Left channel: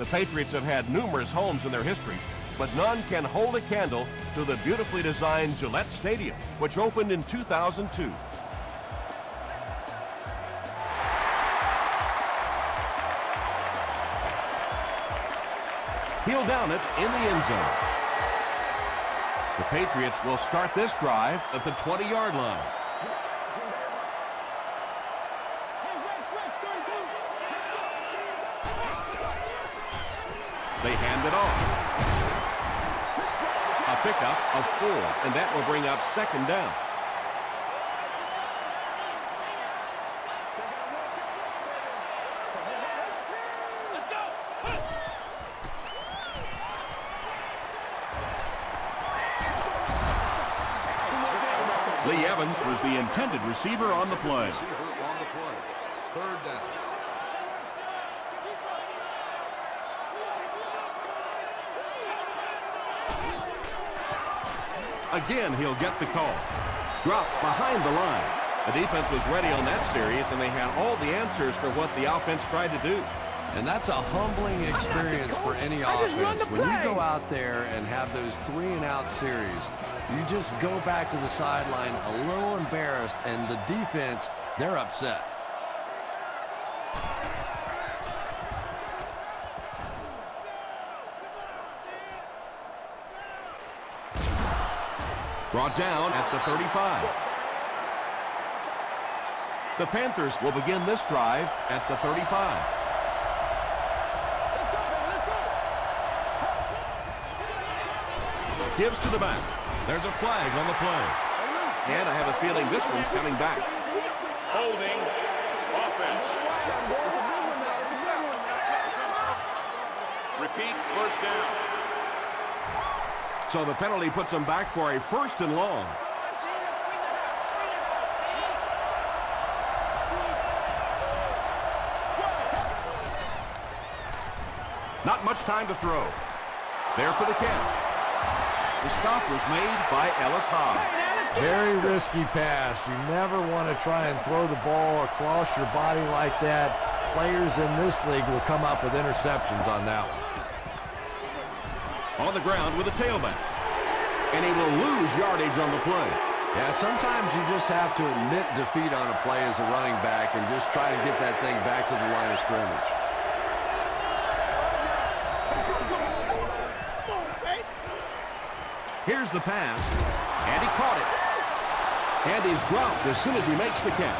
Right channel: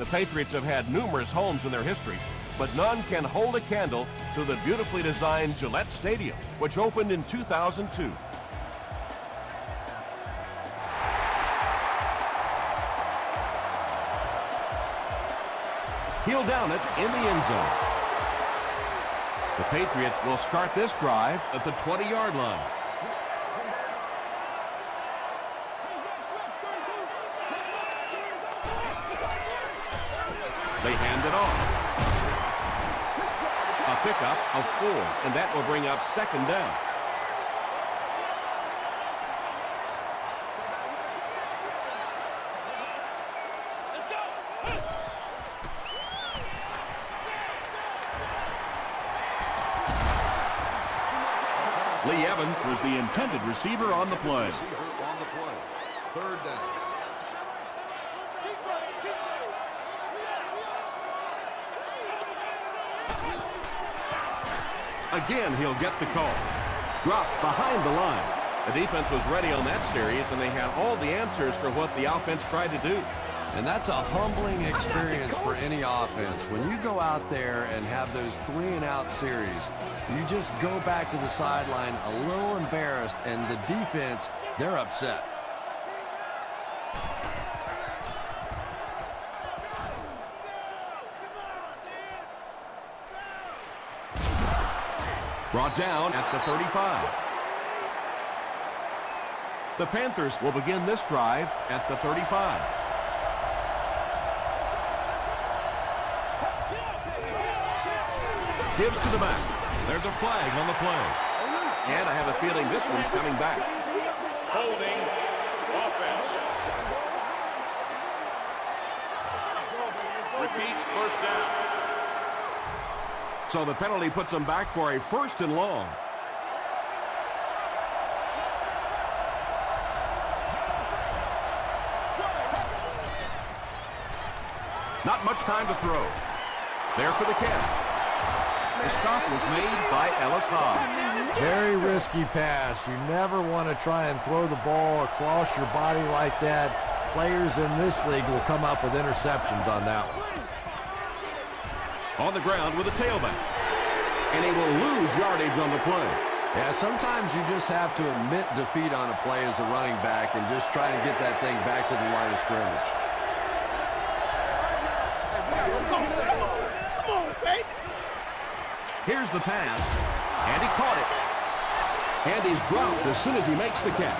The Patriots have had numerous homes in their history, but none can hold a candle to the beautifully designed Gillette Stadium, which opened in 2002. He'll down it in the end zone. The Patriots will start this drive at the 20-yard line. They hand it off. A pickup of 4, and that will bring up second down. Lee Evans was the intended receiver on the play. Third down. Again, he'll get the call. Dropped behind the line. The defense was ready on that series, and they had all the answers for what the offense tried to do. And that's a humbling experience for any offense. When you go out there and have those 3-and-out series, you just go back to the sideline a little embarrassed, and the defense, they're upset. Brought down at the 35. The Panthers will begin this drive at the 35. Gives to the back. There's a flag on the play. And I have a feeling this one's coming back. So the penalty puts them back for a 1st and long. Not much time to throw. There for the catch. The stop was made by Ellis Hobbs. Very risky pass. You never want to try and throw the ball across your body like that. Players in this league will come up with interceptions on that one. On the ground with a tailback. And he will lose yardage on the play. Yeah, sometimes you just have to admit defeat on a play as a running back and just try to get that thing back to the line of scrimmage. Here's the pass, and he caught it. And he's dropped as soon as he makes the catch.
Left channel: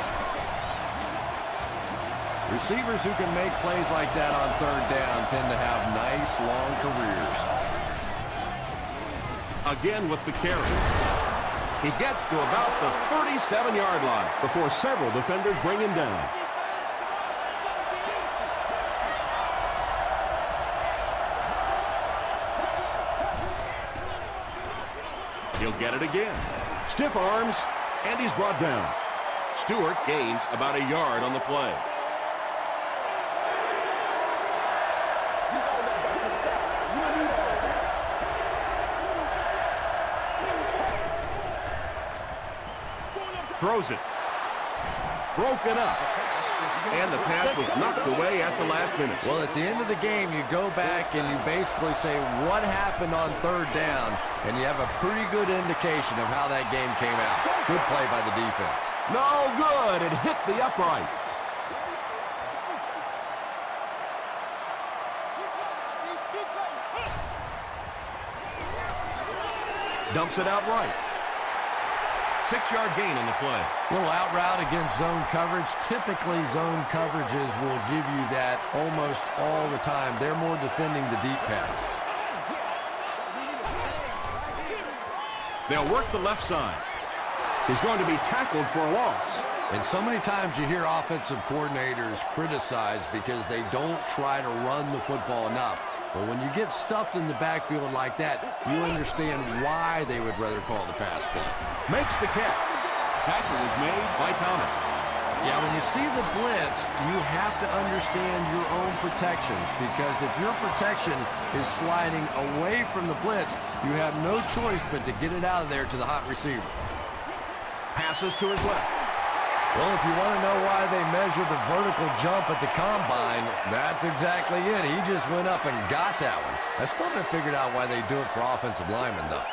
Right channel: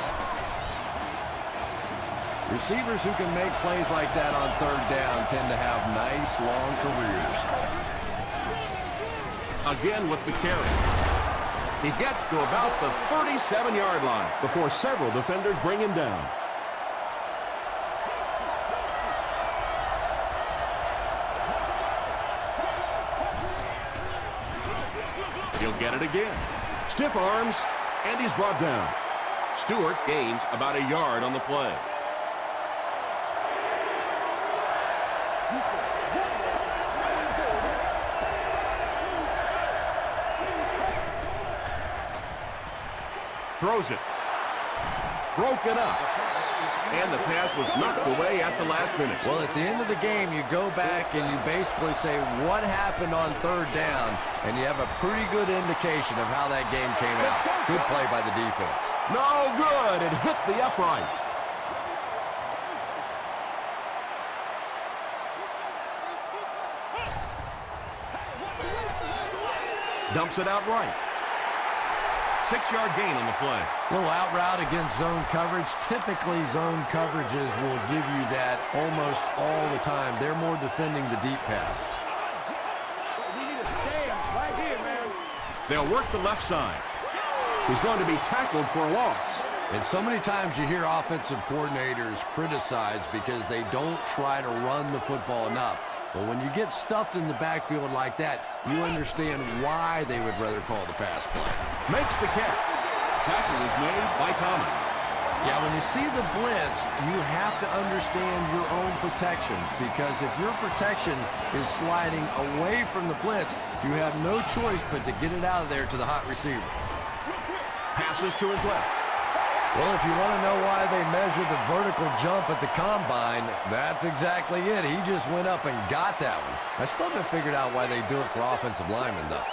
Receivers who can make plays like that on 3rd down tend to have nice, long careers. Again with the carry. He gets to about the 37-yard line before several defenders bring him down. He'll get it again. Stiff arms, and he's brought down. Stewart gains about a yard on the play. Throws it. Broken up. And the pass was knocked away at the last minute. Well, at the end of the game, you go back and you basically say what happened on 3rd down, and you have a pretty good indication of how that game came out. Good play by the defense. No good. It hit the upright. Dumps it out right. 6-yard gain on the play. Little out route against zone coverage. Typically, zone coverages will give you that almost all the time. They're more defending the deep pass. They'll work the left side. He's going to be tackled for a loss. And so many times you hear offensive coordinators criticized because they don't try to run the football enough. Well, when you get stuffed in the backfield like that, you understand why they would rather call the pass play. Makes the catch. Tackle is made by Thomas. Yeah, when you see the blitz, you have to understand your own protections, because if your protection is sliding away from the blitz, you have no choice but to get it out of there to the hot receiver. Passes to his left. Well, if you want to know why they measure the vertical jump at the combine, that's exactly it. He just went up and got that one. I still haven't figured out why they do it for offensive linemen, though.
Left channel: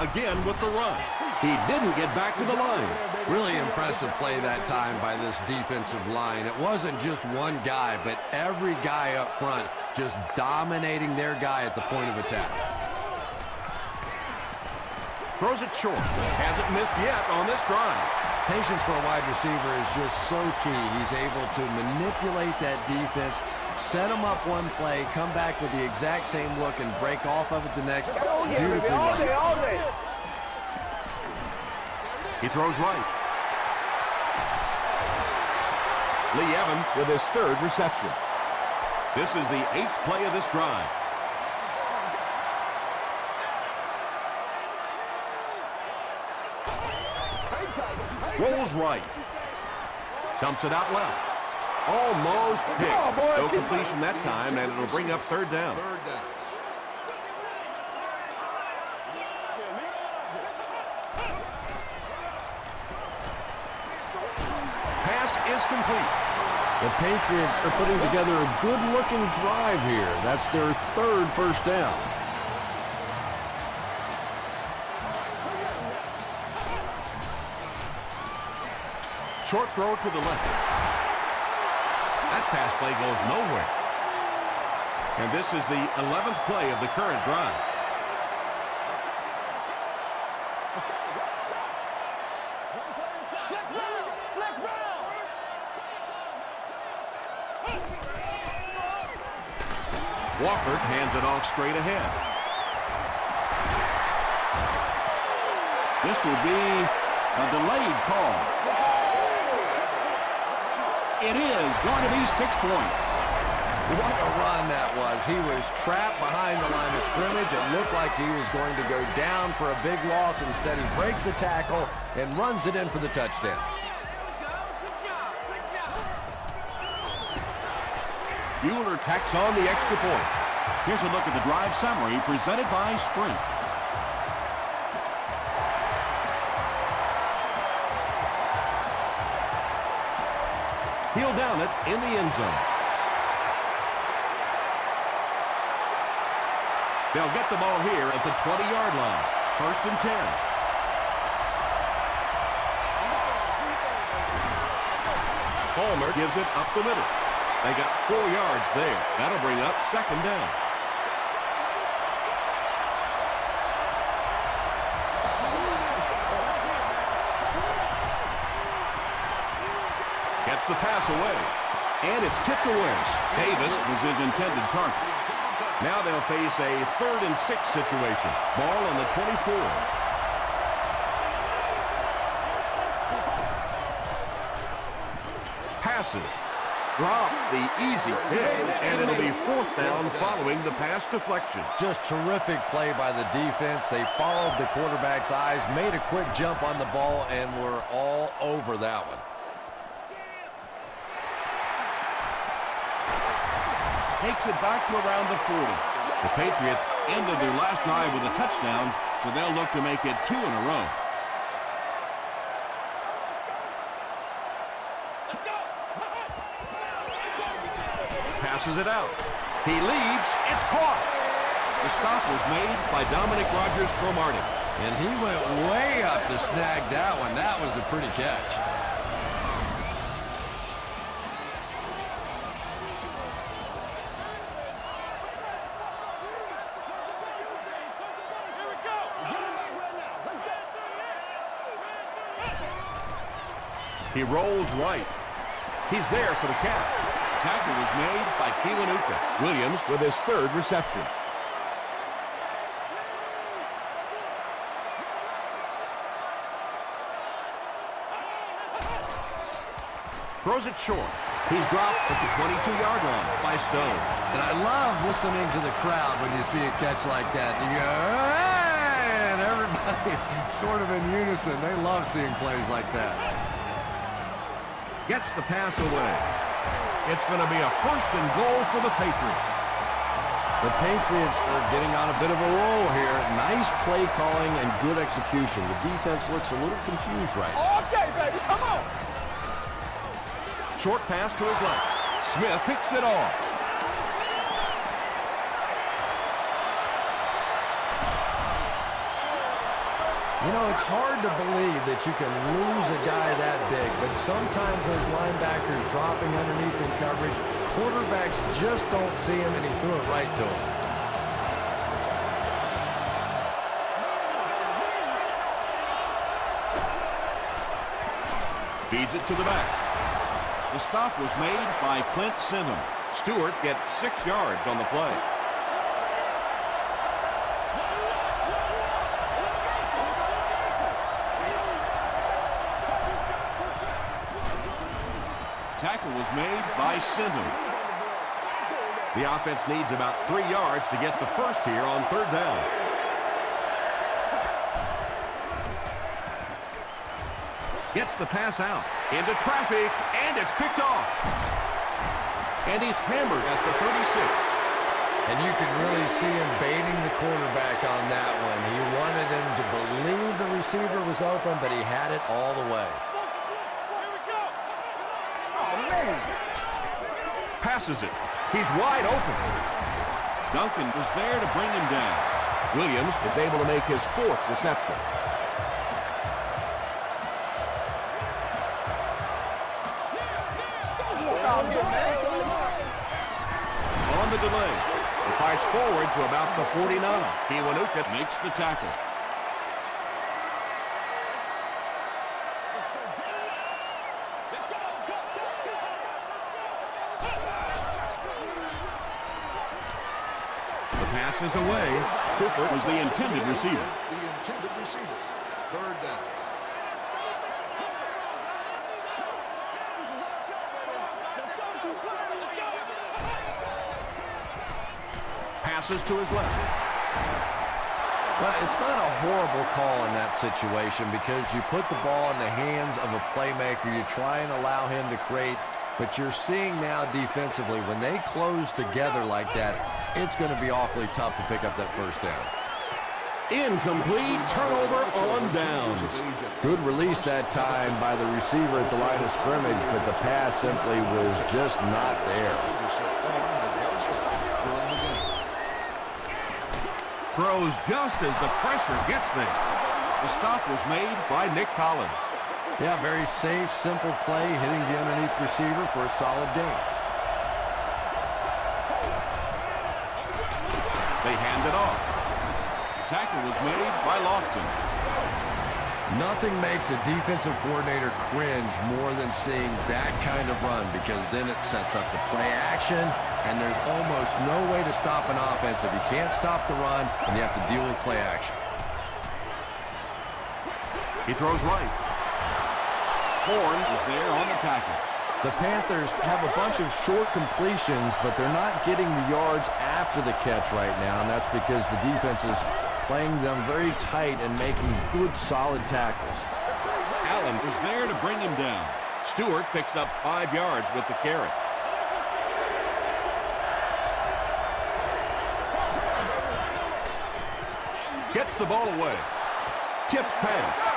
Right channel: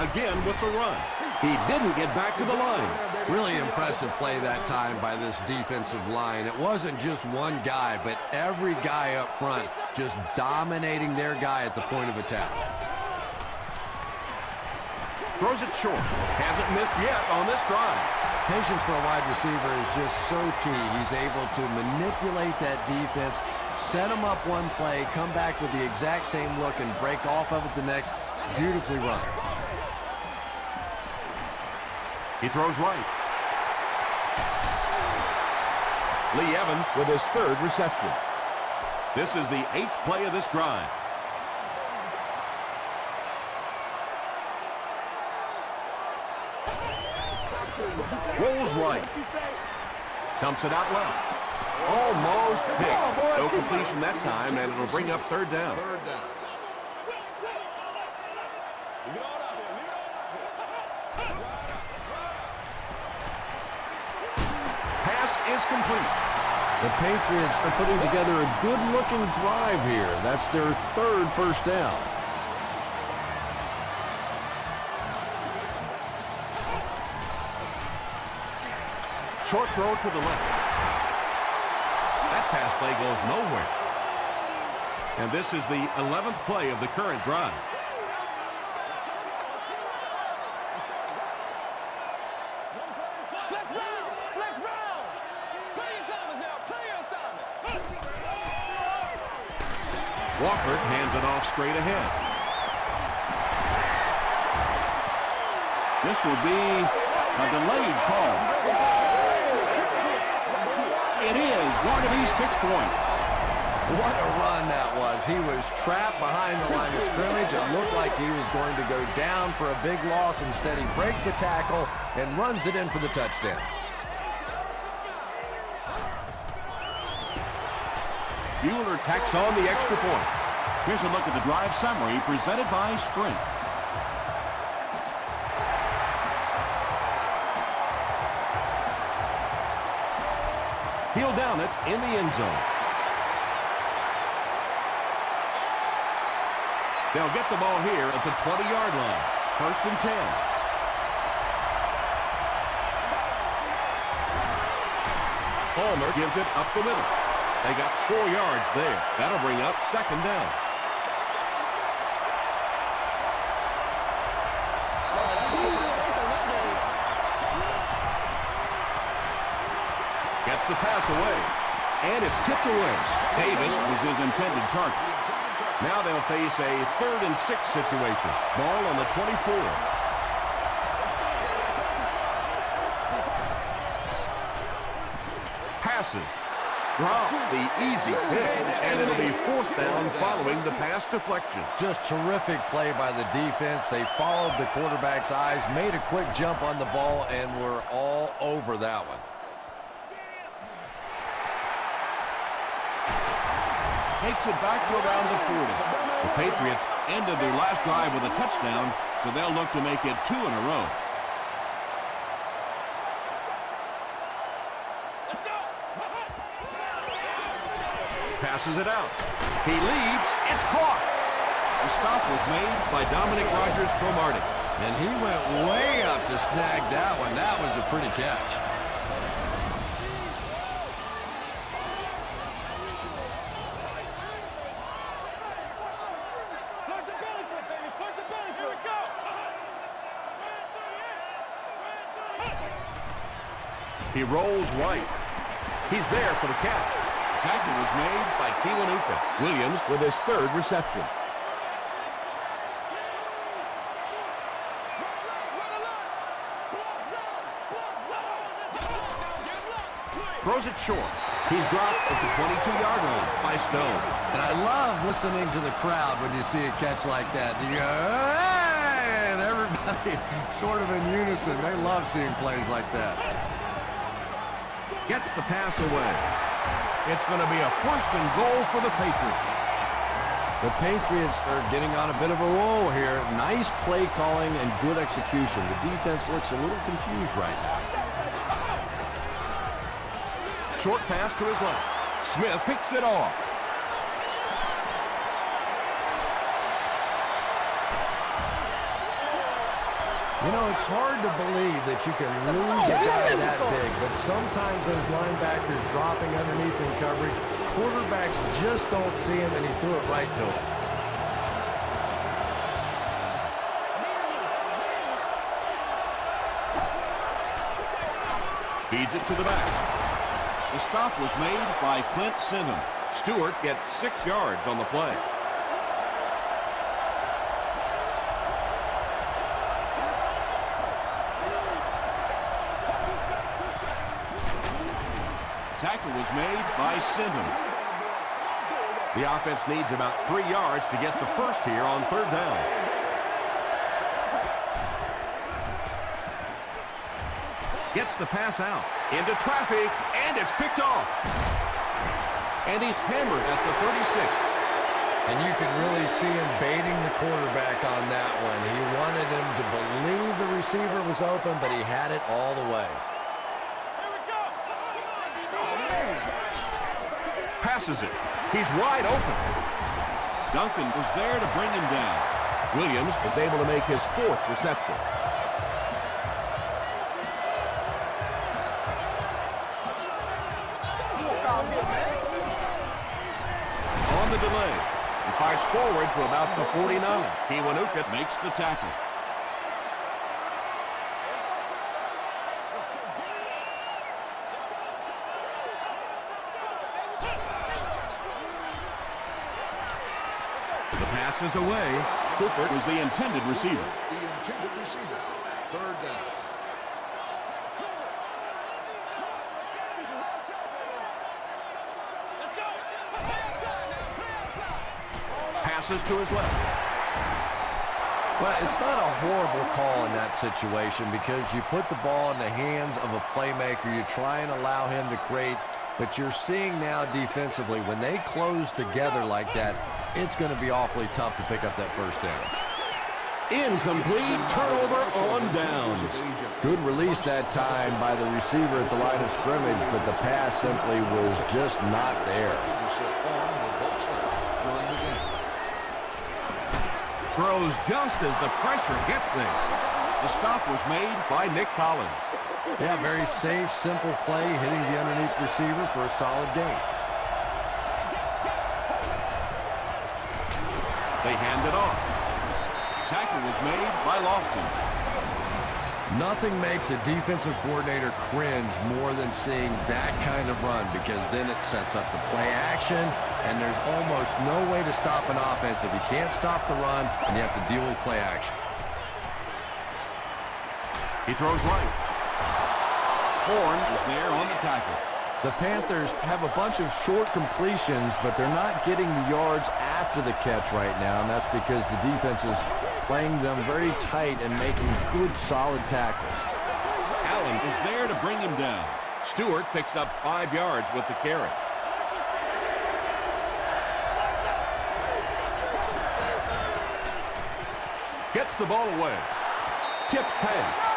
Again with the run. He didn't get back to the line. Really impressive play that time by this defensive line. It wasn't just one guy, but every guy up front just dominating their guy at the point of attack. Throws it short. Hasn't missed yet on this drive. Patience for a wide receiver is just so key. He's able to manipulate that defense, set them up one play, come back with the exact same look, and break off of it the next. Beautifully run. He throws right. Lee Evans with his third reception. This is the 8th play of this drive. Rolls right. Dumps it out left. Almost picked. No completion that time, and it'll bring up third down. Third down. Pass is complete. The Patriots are putting together a good-looking drive here. That's their third first down. Short throw to the left. That pass play goes nowhere. And this is the 11th play of the current drive. Let's go. One play at a time. Flex Brown. Flex Brown. Play your assignments now. Play your assignment. Walker hands it off straight ahead. This will be a delayed call. It is going to be 6 points. What a run that was. He was trapped behind the line of scrimmage. It looked like he was going to go down for a big loss. Instead, he breaks the tackle and runs it in for the touchdown. Bueller tacks on the extra point. Here's a look at the drive summary presented by Sprint. He'll down it in the end zone. They'll get the ball here at the 20-yard line. 1st and 10. Palmer gives it up the middle. They got 4 yards there. That'll bring up 2nd down. Gets the pass away. And it's tipped away. Davis was his intended target. Now they'll face a 3rd and 6 situation. Ball on the 24. Passes. Drops the easy hit, and it'll be 4th down following the pass deflection. Just terrific play by the defense. They followed the quarterback's eyes, made a quick jump on the ball, and were all over that one. Takes it back to around the 40. The Patriots ended their last drive with a touchdown, so they'll look to make it 2 in a row. Passes it out. He leaps. It's caught. The stop was made by Dominic Rodgers-Cromartie. And he went way up to snag that one. That was a pretty catch. He rolls right. He's there for the catch. Tackle was made by Kiwanuka. Williams with his 3rd reception. Throws it short. He's dropped at the 22-yard line by Stone. And I love listening to the crowd when you see a catch like that. You go, hey! And everybody sort of in unison. They love seeing plays like that. Gets the pass away. It's going to be a 1st and goal for the Patriots. The Patriots are getting on a bit of a roll here. Nice play calling and good execution. The defense looks a little confused right now. Okay, baby, come on. Short pass to his left. Smith picks it off. You know, it's hard to believe that you can lose a guy that big, but sometimes those linebackers dropping underneath in coverage, quarterbacks just don't see him, and he threw it right to him. Feeds it to the back. The stop was made by Clint Singham. Stewart gets 6 yards on the play. Tackle was made by Singham. The offense needs about 3 yards to get the first here on 3rd down. Gets the pass out into traffic, and it's picked off. And he's hammered at the 36. And you could really see him baiting the quarterback on that one. He wanted him to believe the receiver was open, but he had it all the way. Here we go. Oh, man. Passes it. He's wide open. Duncan was there to bring him down. Williams was able to make his 4th reception. On the delay, he fights forward to about the 49. Kiwanuka makes the tackle. Let's go, get it now. Let's go, go. The pass is away. Cooper was the intended receiver. The intended receiver. 3rd down. This is our show, baby. Let's go. Passes to his left. Well, it's not a horrible call in that situation because you put the ball in the hands of a playmaker. You try and allow him to create, but you're seeing now defensively, when they close together like that, it's going to be awfully tough to pick up that first down. Incomplete. Turnover on downs. Good release that time by the receiver at the line of scrimmage, but the pass simply was just not there. Throws just as the pressure gets there. The stop was made by Nick Collins. Yeah, very safe, simple play, hitting the underneath receiver for a solid gain. They hand it off. Tackle was made by Lofton. Nothing makes a defensive coordinator cringe more than seeing that kind of run, because then it sets up the play action, and there's almost no way to stop an offense if you can't stop the run and you have to deal with play action. He throws right. Horn is there on the tackle. The Panthers have a bunch of short completions, but they're not getting the yards after the catch right now, and that's because the defense is playing them very tight and making good, solid tackles. Allen was there to bring him down. Stewart picks up 5 yards with the carry. Gets the ball away. Tipped pass.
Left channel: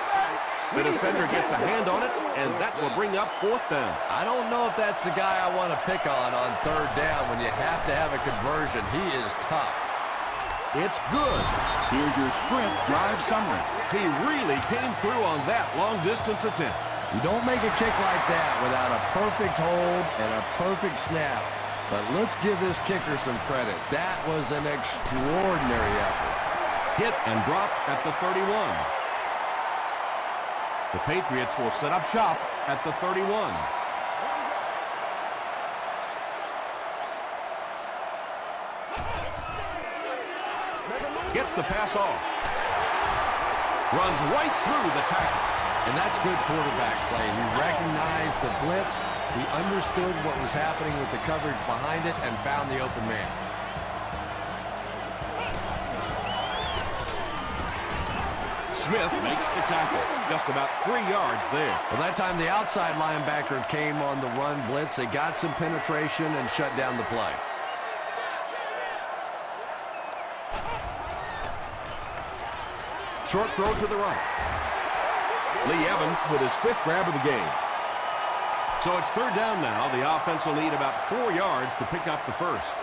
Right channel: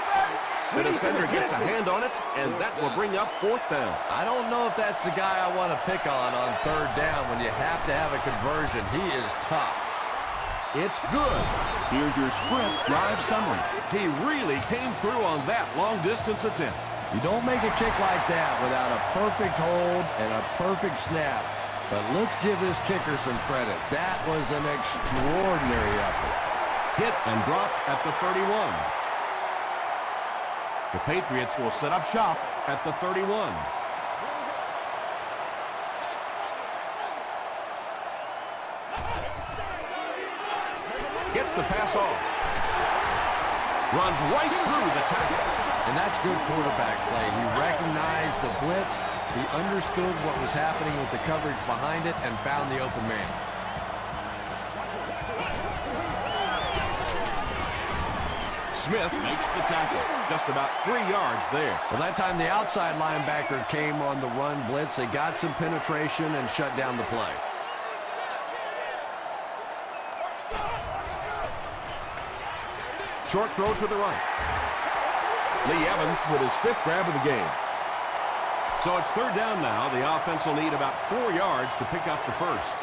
The defender gets a hand on it, and that will bring up 4th down. I don't know if that's the guy I want to pick on 3rd down when you have to have a conversion. He is tough. It's good. Here's your sprint drive summary. He really came through on that long-distance attempt. You don't make a kick like that without a perfect hold and a perfect snap. But let's give this kicker some credit. That was an extraordinary effort. Hit and dropped at the 31. The Patriots will set up shop at the 31. Gets the pass off. Runs right through the tackle. And that's good quarterback play. He recognized the blitz. He understood what was happening with the coverage behind it and found the open man. Smith makes the tackle. Just about 3 yards there. Well, that time the outside linebacker came on the run blitz. They got some penetration and shut down the play. Short throw to the right. Lee Evans with his 5th grab of the game. So it's 3rd down now. The offense will need about 4 yards to pick up the first.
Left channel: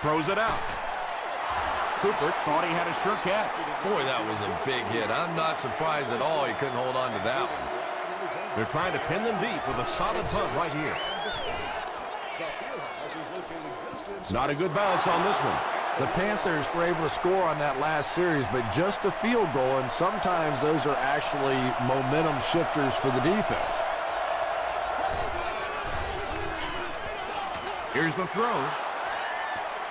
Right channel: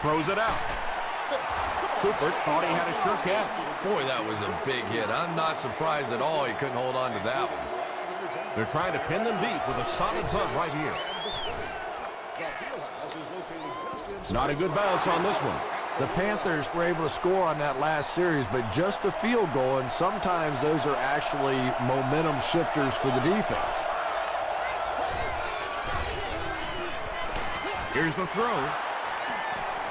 Throws it out. Cooper thought he had a sure catch. Boy, that was a big hit. I'm not surprised at all he couldn't hold on to that one. They're trying to pin them deep with a solid punt right here. Not a good bounce on this one. The Panthers were able to score on that last series, but just a field goal, and sometimes those are actually momentum shifters for the defense. Here's the throw.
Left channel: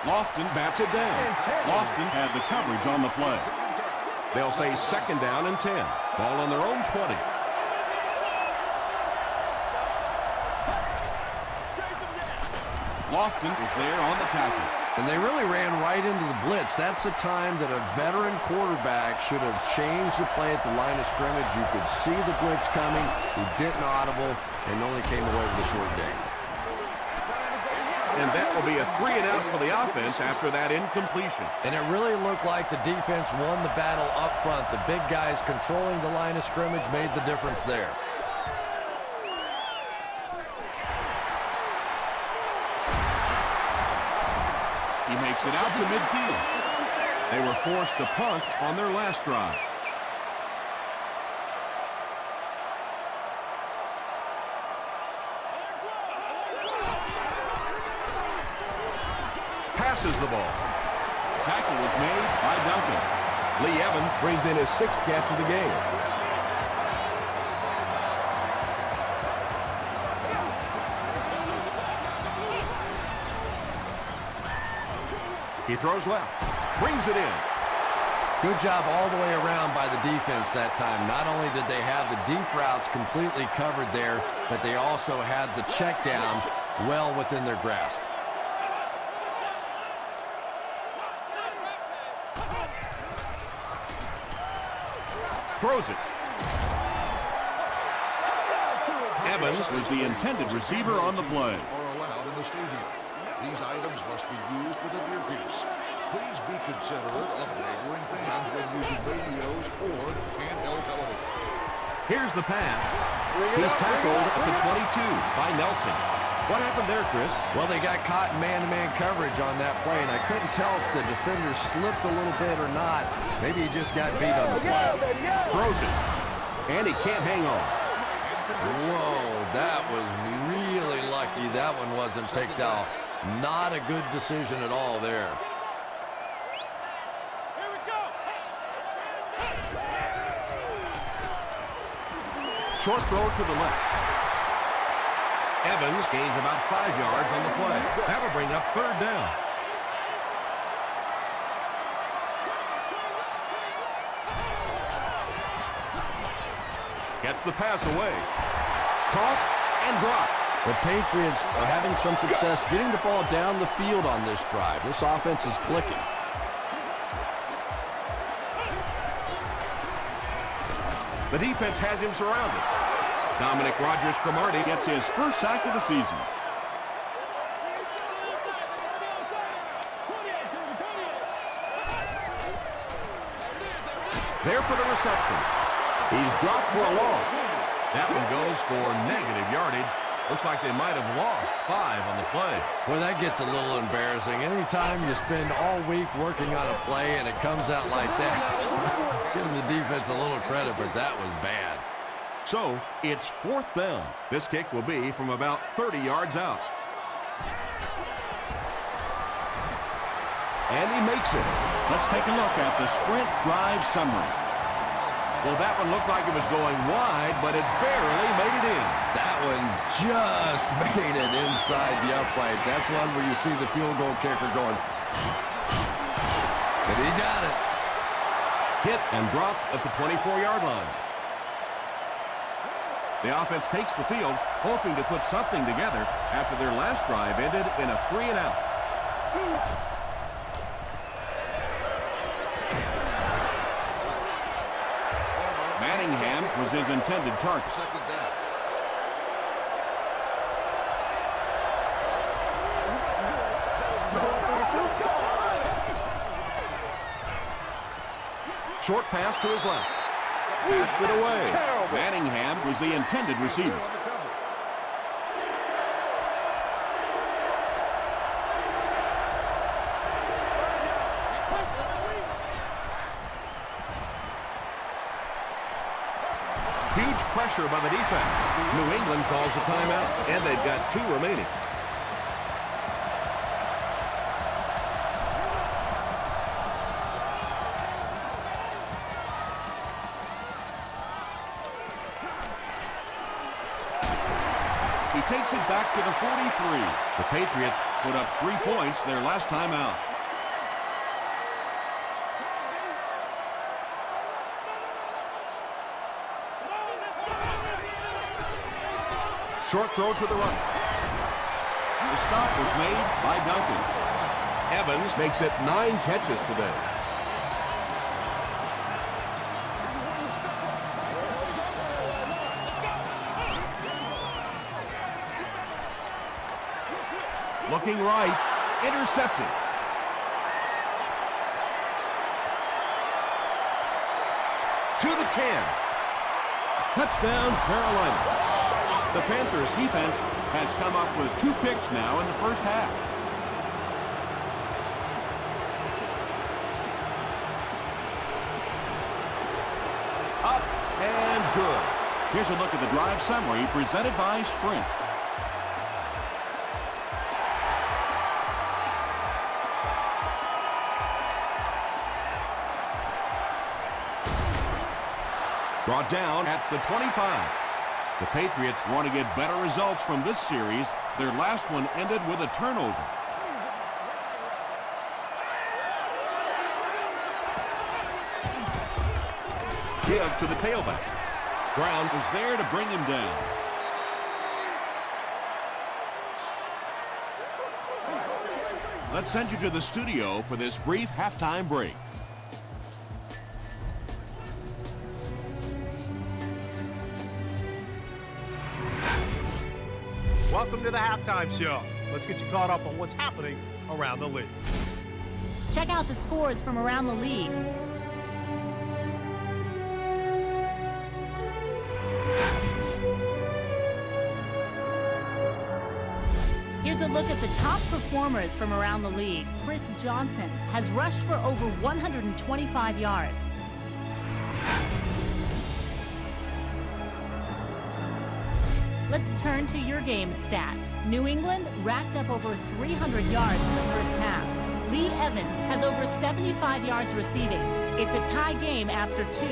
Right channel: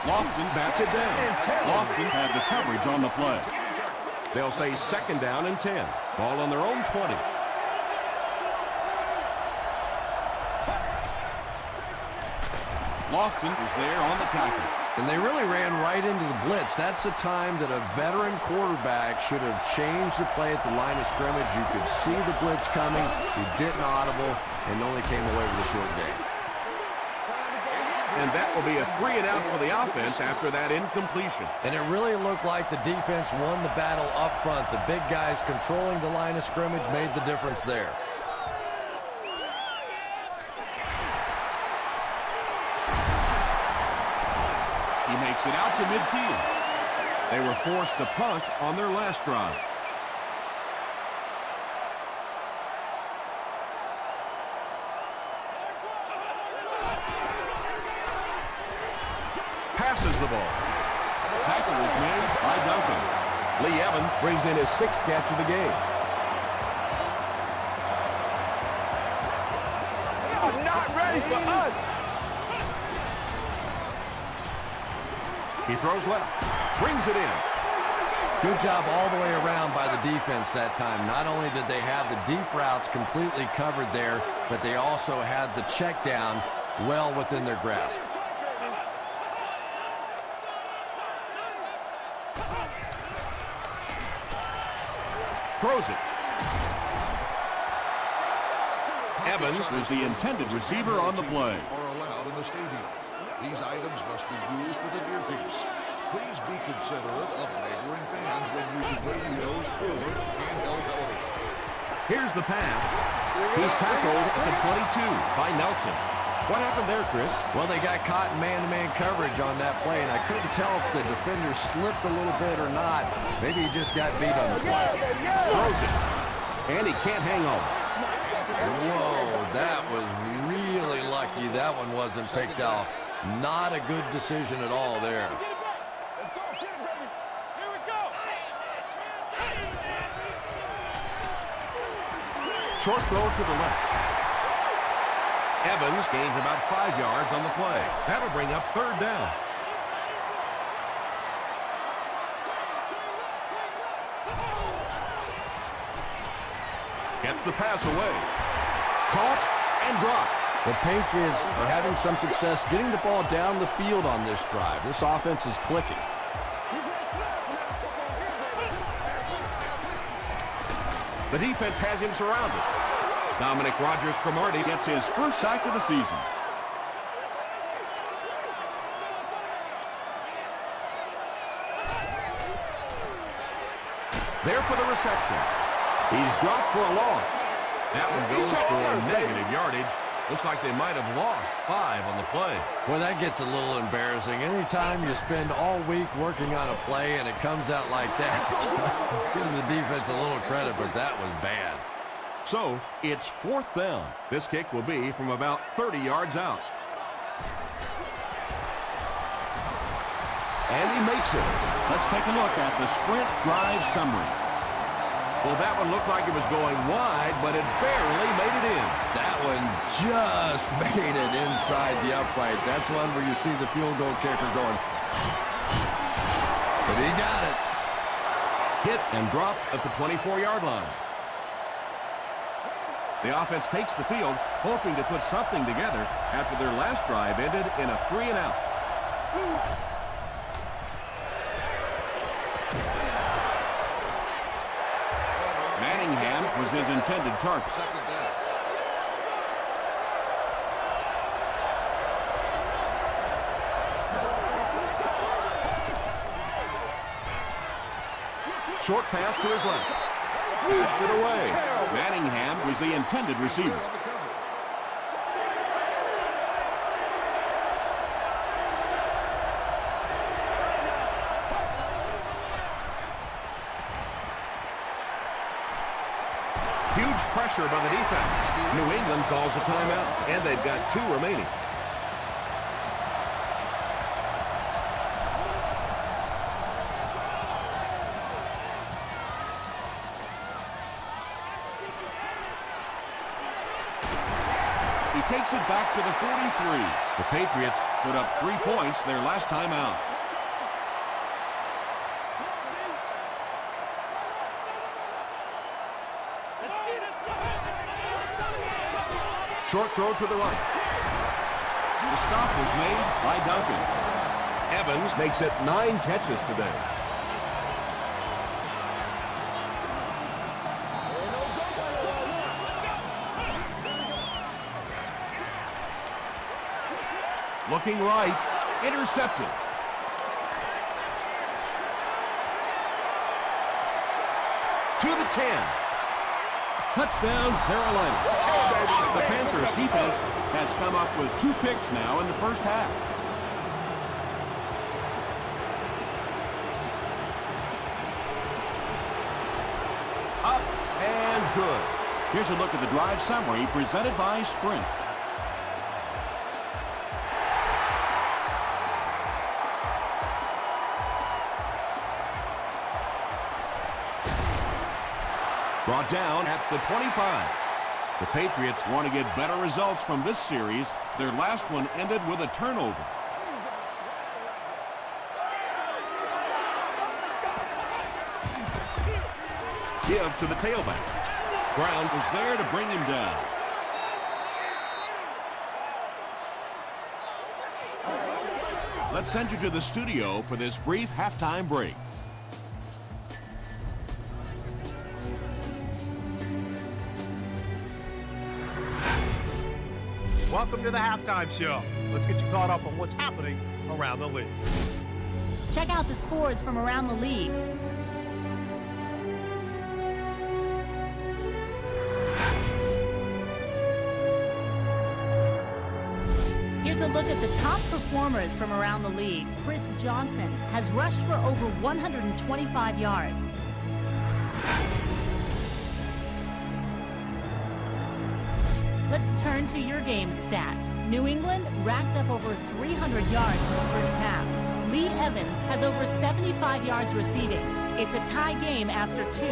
Lofton bats it down. Lofton had the coverage on the play. They'll say 2nd down and 10. Ball on their own 20. Lofton is there on the tackle. And they really ran right into the blitz. That's a time that a veteran quarterback should have changed the play at the line of scrimmage. You could see the blitz coming. He didn't audible and only came away with a short gain. And that will be a 3-and-out for the offense after that incompletion. And it really looked like the defense won the battle up front. The big guys controlling the line of scrimmage made the difference there. He makes it out to midfield. They were forced to punt on their last drive. Passes the ball. Tackle was made by Duncan. Lee Evans brings in his 6th catch of the game. They are not ready for us. He throws left. Brings it in. Good job all the way around by the defense that time. Not only did they have the deep routes completely covered there, but they also had the check down well within their grasp. Throws it. Evans was the intended receiver on the play. Are allowed in the stadium. These items must be used with an earpiece. Please be considerate of neighboring fans when using radios or handheld televisions. Here's the pass. He's tackled at the 22 by Nelson. What happened there, Chris? Well, they got caught in man-to-man coverage on that play, and I couldn't tell if the defender slipped a little bit or not. Maybe he just got beat on the play. Throws it. And he can't hang on. Whoa, that was really lucky that one wasn't picked off. Not a good decision at all there. Here we go. Short throw to the left. Evans gains about 5 yards on the play. That'll bring up 3rd down. Gets the pass away. Caught and dropped. The Patriots are having some success getting the ball down the field on this drive. This offense is clicking. The defense has him surrounded. Dominic Rodgers-Cromartie gets his 1st sack of the season. There for the reception. He's dropped for a loss. That one goes for negative yardage. Looks like they might have lost 5 on the play. Well, that gets a little embarrassing. Anytime you spend all week working on a play and it comes out like that, give the defense a little credit, but that was bad. So, it's 4th down. This kick will be from about 30 yards out. And he makes it. Let's take a look at the sprint drive summary. Well, that one looked like it was going wide, but it barely made it in. That one just made it inside the upright. That's one where you see the field goal kicker going. But he got it. Hit and dropped at the 24-yard line. The offense takes the field, hoping to put something together after their last drive ended in a 3-and-out. Manningham was his intended target. 2nd down. Short pass to his left. Bats it away. Terrible. Manningham was the intended receiver. On the cover. Huge pressure by the defense. New England calls a timeout, and they've got 2 remaining. He takes it back to the 43. The Patriots put up 3 points their last time out. Short throw to the right. The stop was made by Duncan. Evans makes it 9 catches today. Looking right, intercepted. To the 10. Touchdown, Carolina. The Panthers defense has come up with 2 picks now in the first half. Up and good. Here's a look at the drive summary presented by Sprint. Brought down at the 25. The Patriots want to get better results from this series. Their last one ended with a turnover. Give to the tailback. Brown was there to bring him down. Let's send you to the studio for this brief halftime break. Welcome to the halftime show. Let's get you caught up on what's happening around the league. Check out the scores from around the league. Here's a look at the top performers from around the league. Chris Johnson has rushed for over 125 yards. Let's turn to your game stats. New England racked up over 300 yards in the first half. Lee Evans has over 75 yards receiving. It's a tie game after 2.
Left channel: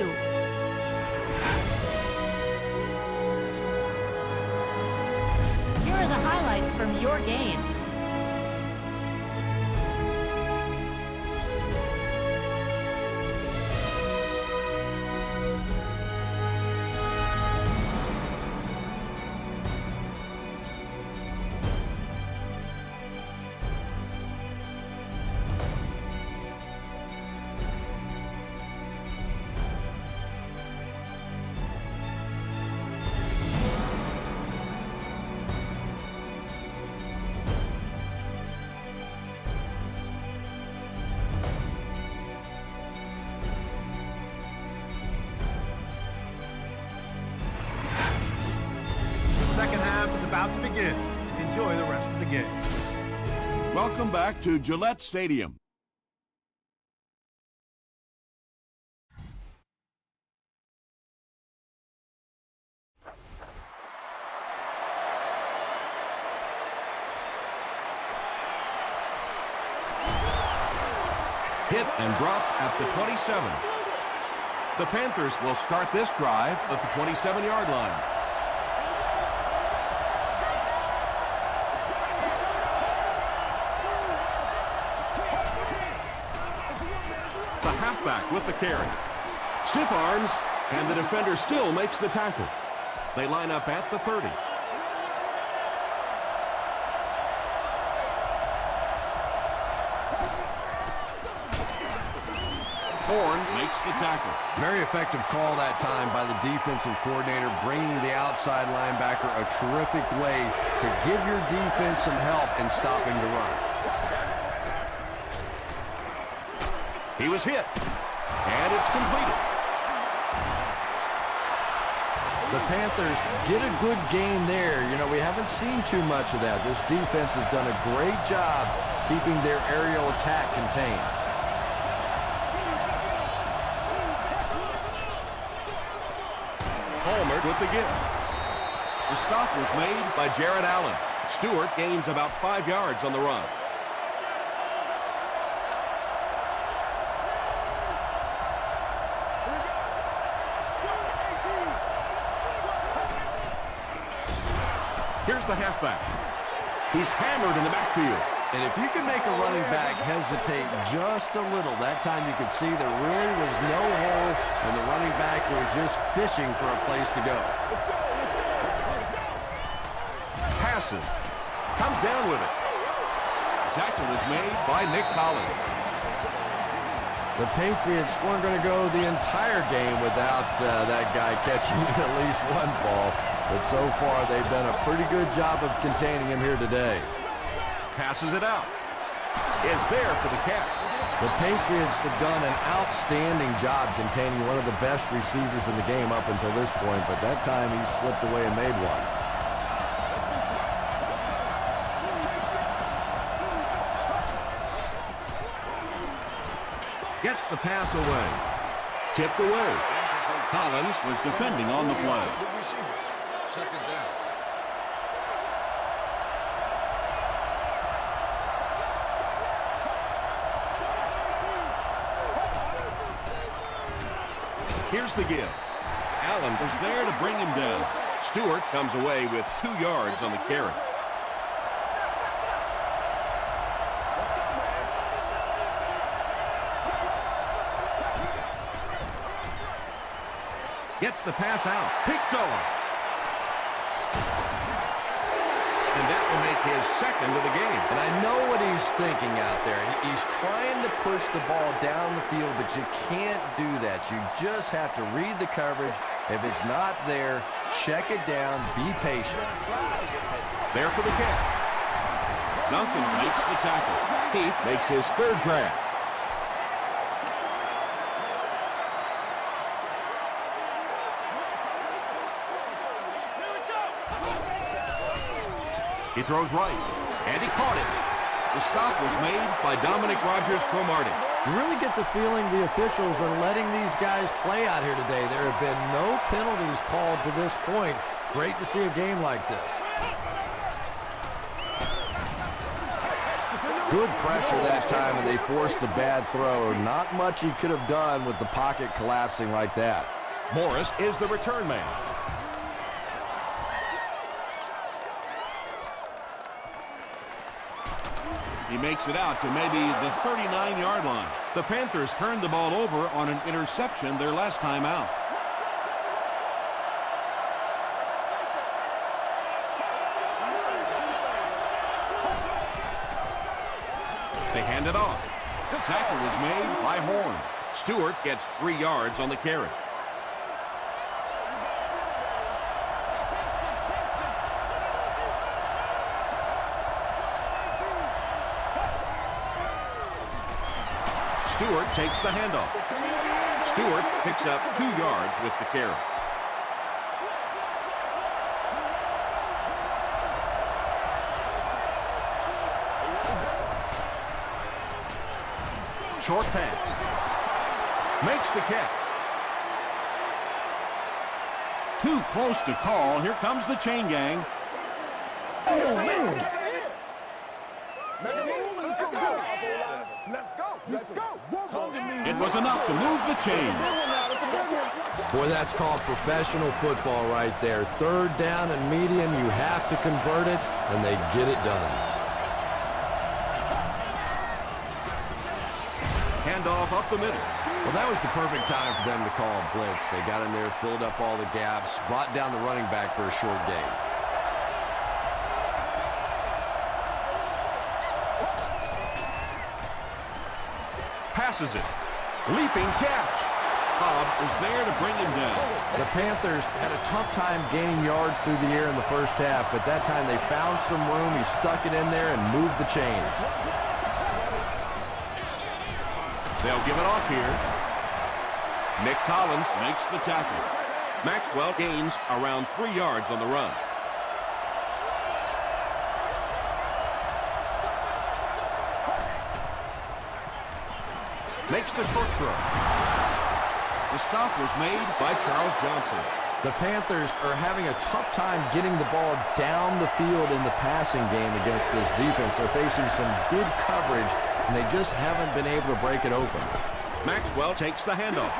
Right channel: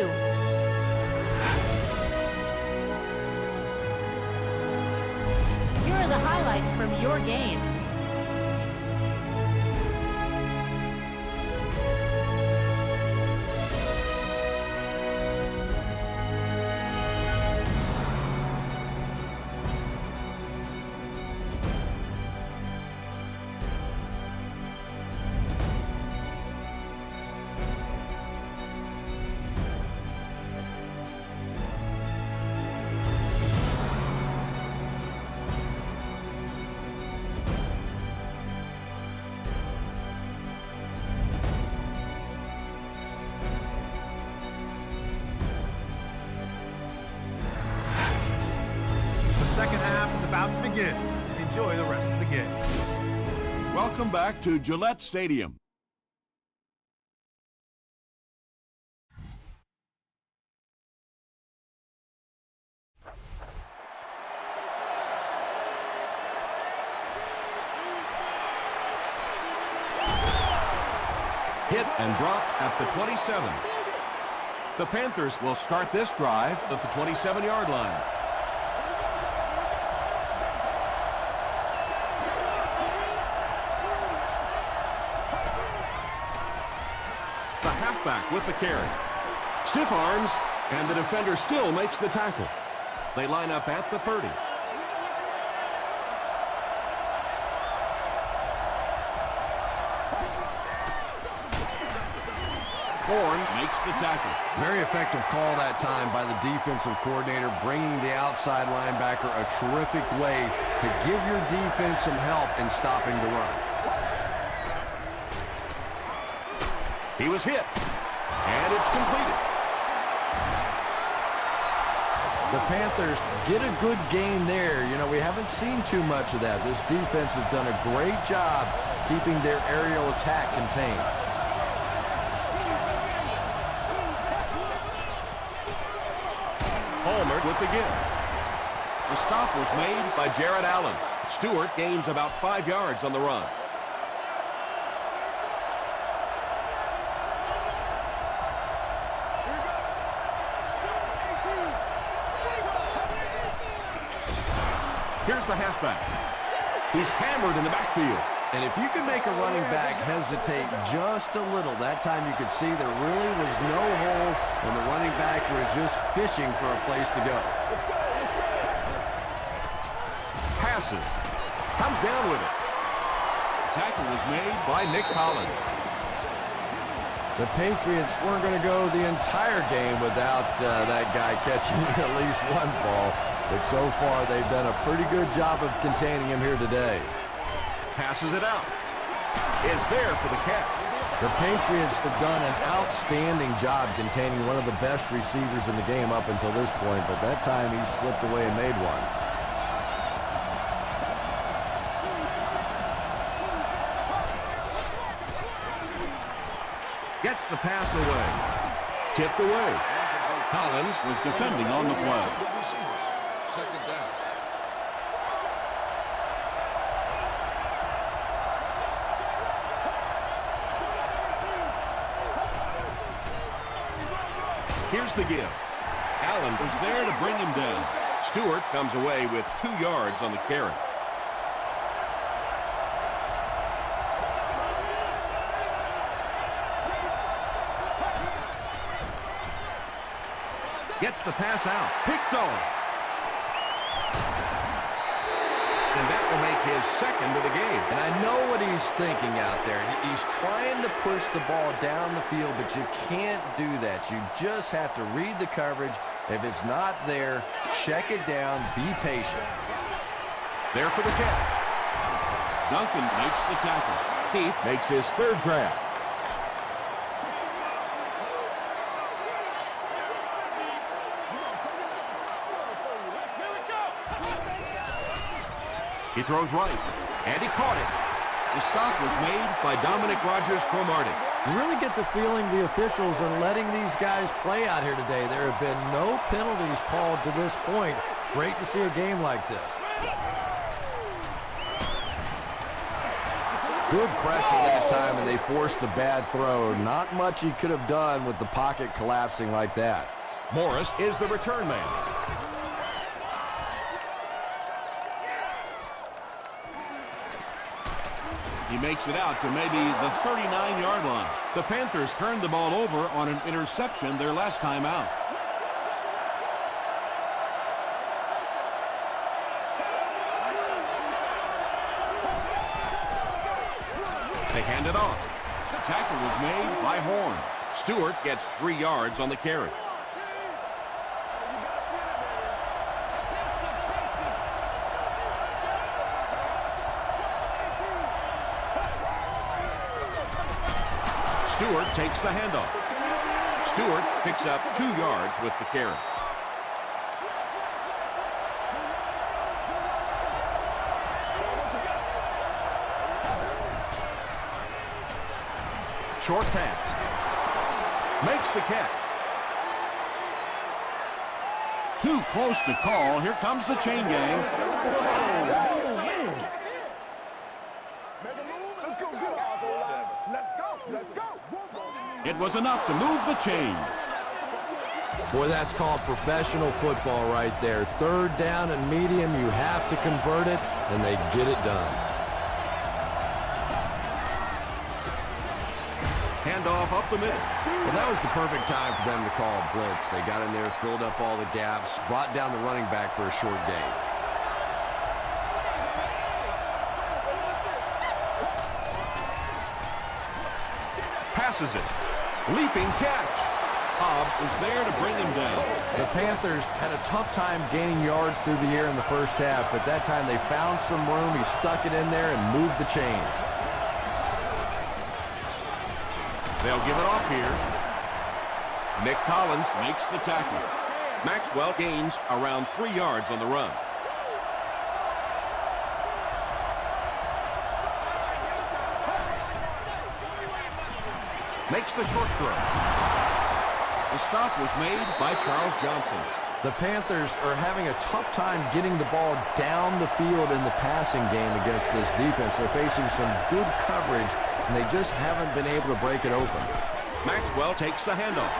Here are the highlights from your game. The second half is about to begin. Enjoy the rest of the game. Welcome back to Gillette Stadium. Hit and dropped at the 27. The Panthers will start this drive at the 27-yard line. The halfback with the carry. Stiff arms, and the defender still makes the tackle. They line up at the 30. Horn makes the tackle. Very effective call that time by the defensive coordinator, bringing the outside linebacker a terrific way to give your defense some help in stopping the run. He was hit. And it's completed. The Panthers get a good game there. You know, we haven't seen too much of that. This defense has done a great job keeping their aerial attack contained. Palmer with the give. The stop was made by Jared Allen. Stewart gains about 5 yards on the run. Here we go. 18. Here's the halfback. He's hammered in the backfield. And if you can make a running back hesitate just a little, that time you could see there really was no hole, and the running back was just fishing for a place to go. Let's go. Let's go. Passes. Comes down with it. The tackle was made by Nick Collins. The Patriots weren't going to go the entire game without that guy catching at least one ball, but so far they've done a pretty good job of containing him here today. Passes it out. It's there for the catch. The Patriots have done an outstanding job containing one of the best receivers in the game up until this point, but that time he slipped away and made one. Gets the pass away. Tipped away. Collins was defending on the play. Good receiver. Second down. Here's the give. Allen was there to bring him down. Stewart comes away with 2 yards on the carry. Gets the pass out. Picked off. And that will make his second of the game. And I know what he's thinking out there. He's trying to push the ball down the field, but you can't do that. You just have to read the coverage. If it's not there, check it down, be patient. There for the catch. Duncan makes the tackle. Heath makes his third grab. He throws right, and he caught it. The stop was made by Dominic Rodgers-Cromartie. You really get the feeling the officials are letting these guys play out here today. There have been no penalties called to this point. Great to see a game like this. Good pressure that time, and they forced a bad throw. Not much he could have done with the pocket collapsing like that. Morris is the return man. He makes it out to maybe the 39-yard line. The Panthers turned the ball over on an interception their last time out. They hand it off. The tackle was made by Horn. Stewart gets 3 yards on the carry. Stewart takes the handoff. Stewart picks up 2 yards with the carry. Short pass. Makes the catch. Too close to call. Here comes the chain gang. Let's go. It was enough to move the chains. Boy, that's called professional football right there. Third down and medium, you have to convert it, and they get it done. Handoff up the middle. Well, that was the perfect time for them to call a blitz. They got in there, filled up all the gaps, brought down the running back for a short gain. Passes it. Leaping catch. Hobbs was there to bring him down. The Panthers had a tough time gaining yards through the air in the first half, but that time they found some room. He stuck it in there and moved the chains. They'll give it off here. Nick Collins makes the tackle. Maxwell gains around 3 yards on the run. Makes the short throw. The stop was made by Charles Johnson. The Panthers are having a tough time getting the ball down the field in the passing game against this defense. They're facing some good coverage, and they just haven't been able to break it open. Maxwell takes the handoff.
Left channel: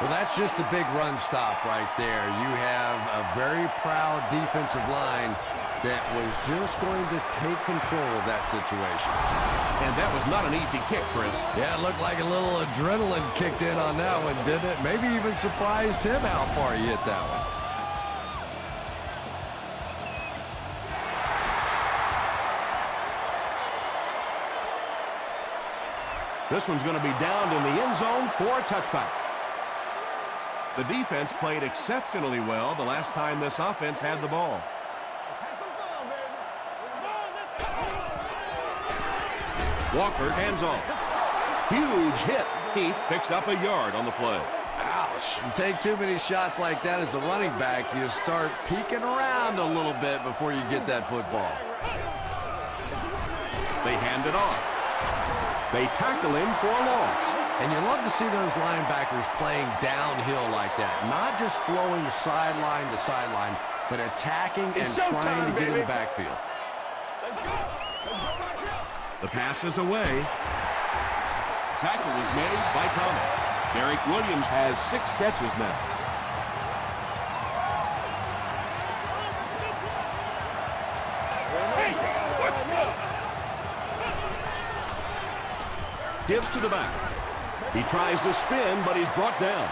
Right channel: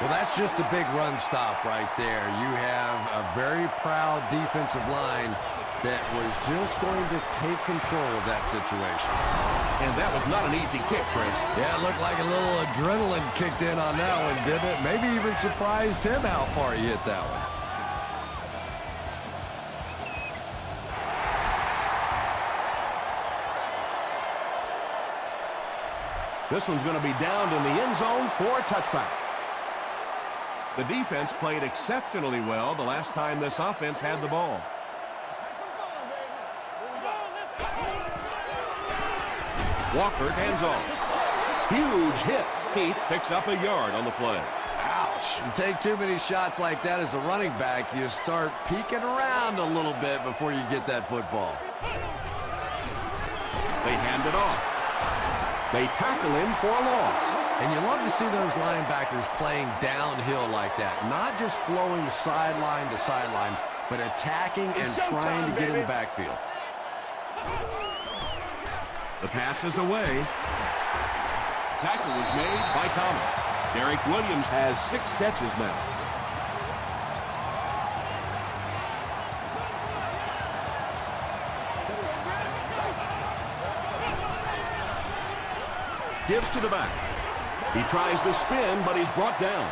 Well, that's just a big run stop right there. You have a very proud defensive line that was just going to take control of that situation. And that was not an easy kick, Chris. Yeah, it looked like a little adrenaline kicked in on that one, didn't it? Maybe even surprised him how far he hit that one. This one's going to be downed in the end zone for a touchback. The defense played exceptionally well the last time this offense had the ball. Let's have some fun, baby. Walker hands off. Huge hit. Heath picks up a yard on the play. Ouch. You take too many shots like that as a running back, you start peeking around a little bit before you get that football. They hand it off. They tackle him for a loss. And you love to see those linebackers playing downhill like that. Not just flowing sideline to sideline, but attacking and trying to get in the backfield. The pass is away. Tackle is made by Thomas. Derek Williams has 6 catches now. Gives to the back. He tries to spin, but he's brought down.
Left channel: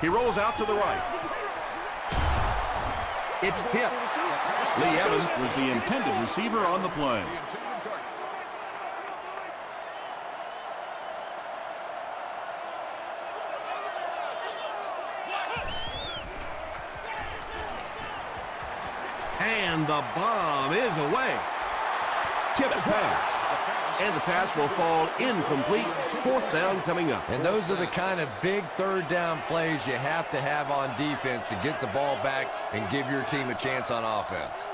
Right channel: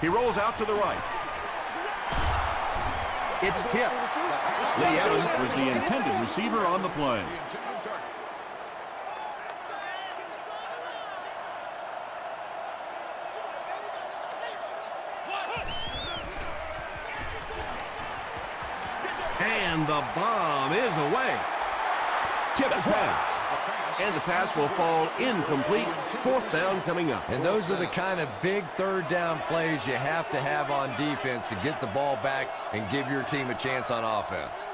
He rolls out to the right. It's tipped. Lee Evans was the intended receiver on the play. And the bomb is away. Tipped pass. And the pass will fall incomplete. 4th down coming up. And those are the kind of big 3rd down plays you have to have on defense to get the ball back and give your team a chance on offense.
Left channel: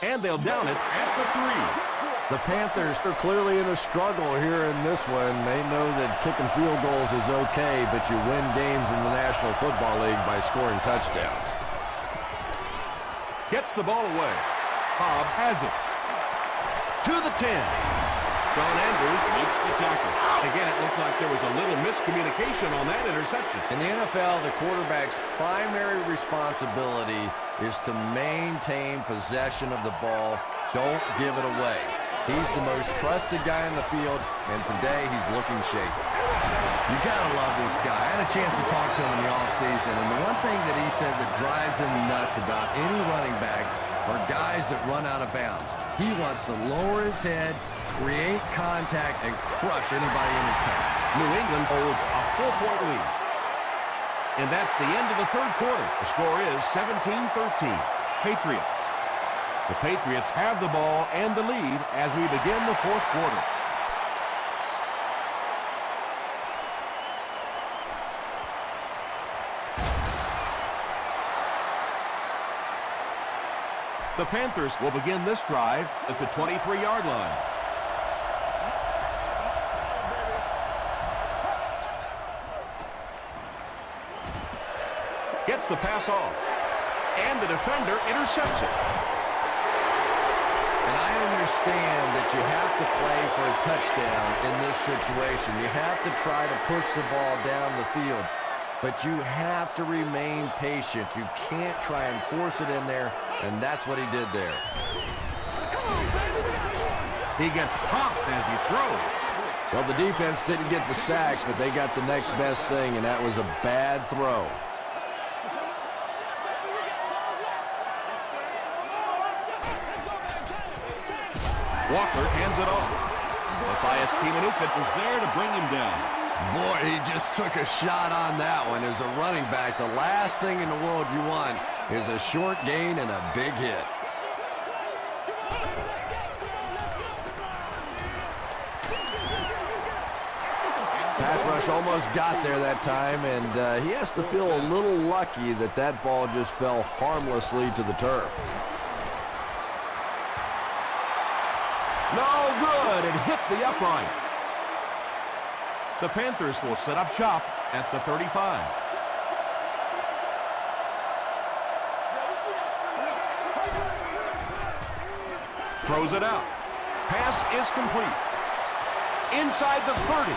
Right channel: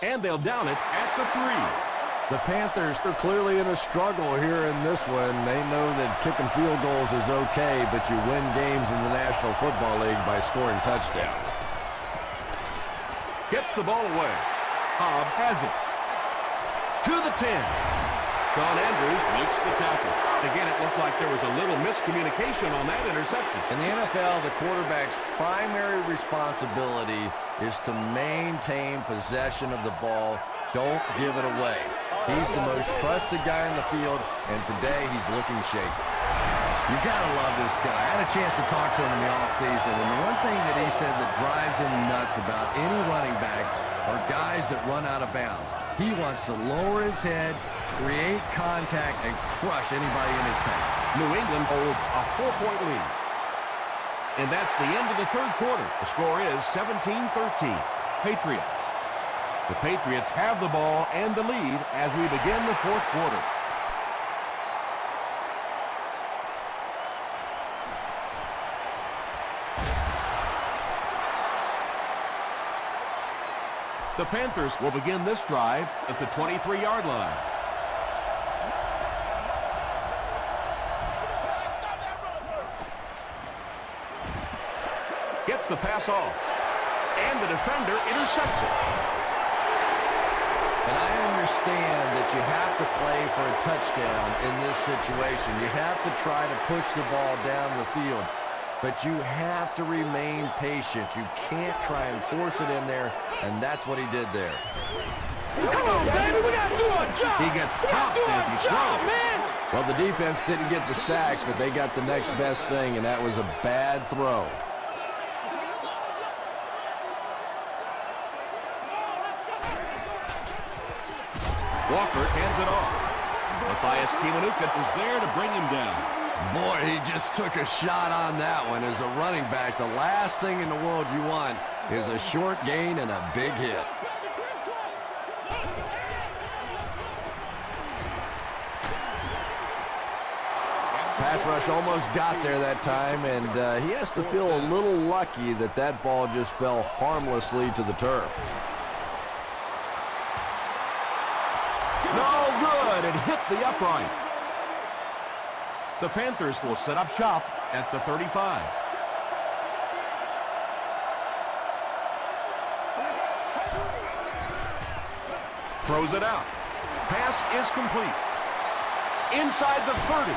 And they'll down it at the 3. The Panthers are clearly in a struggle here in this one. They know that kicking field goals is okay, but you win games in the National Football League by scoring touchdowns. Gets the ball away. Hobbs has it. To the 10. Sean Andrews makes the tackle. Again, it looked like there was a little miscommunication on that interception. In the NFL, the quarterback's primary responsibility is to maintain possession of the ball. Don't give it away. He's the most trusted guy on the field, and today he's looking shaky. You gotta love this guy. I had a chance to talk to him in the offseason, and the one thing that he said that drives him nuts about any running back are guys that run out of bounds. He wants to lower his head, create contact, and crush anybody in his path. New England holds a 4-point lead. And that's the end of the 3rd quarter. The score is 17-13. Patriots. The Patriots have the ball and the lead as we begin the 4th quarter. The Panthers will begin this drive at the 23-yard line. Gets the pass off. And the defender intercepts it. And I understand that you have to play for a touchdown in this situation. You have to try to push the ball down the field. But you have to remain patient. You can't try and force it in there, and that's what he did there. Come on, baby, we gotta do our job. He gets popped as he throws. Well, the defense didn't get the sack, but they got the next best thing, and that was a bad throw. Walker hands it off. Matthias Kiwanuka was there to bring him down. Boy, he just took a shot on that one. As a running back, the last thing in the world you want is a short gain and a big hit. Pass rush almost got there that time, and he has to feel a little lucky that that ball just fell harmlessly to the turf. No good. It hit the upright. The Panthers will set up shop at the 35. Throws it out. Pass is complete. Inside the 30.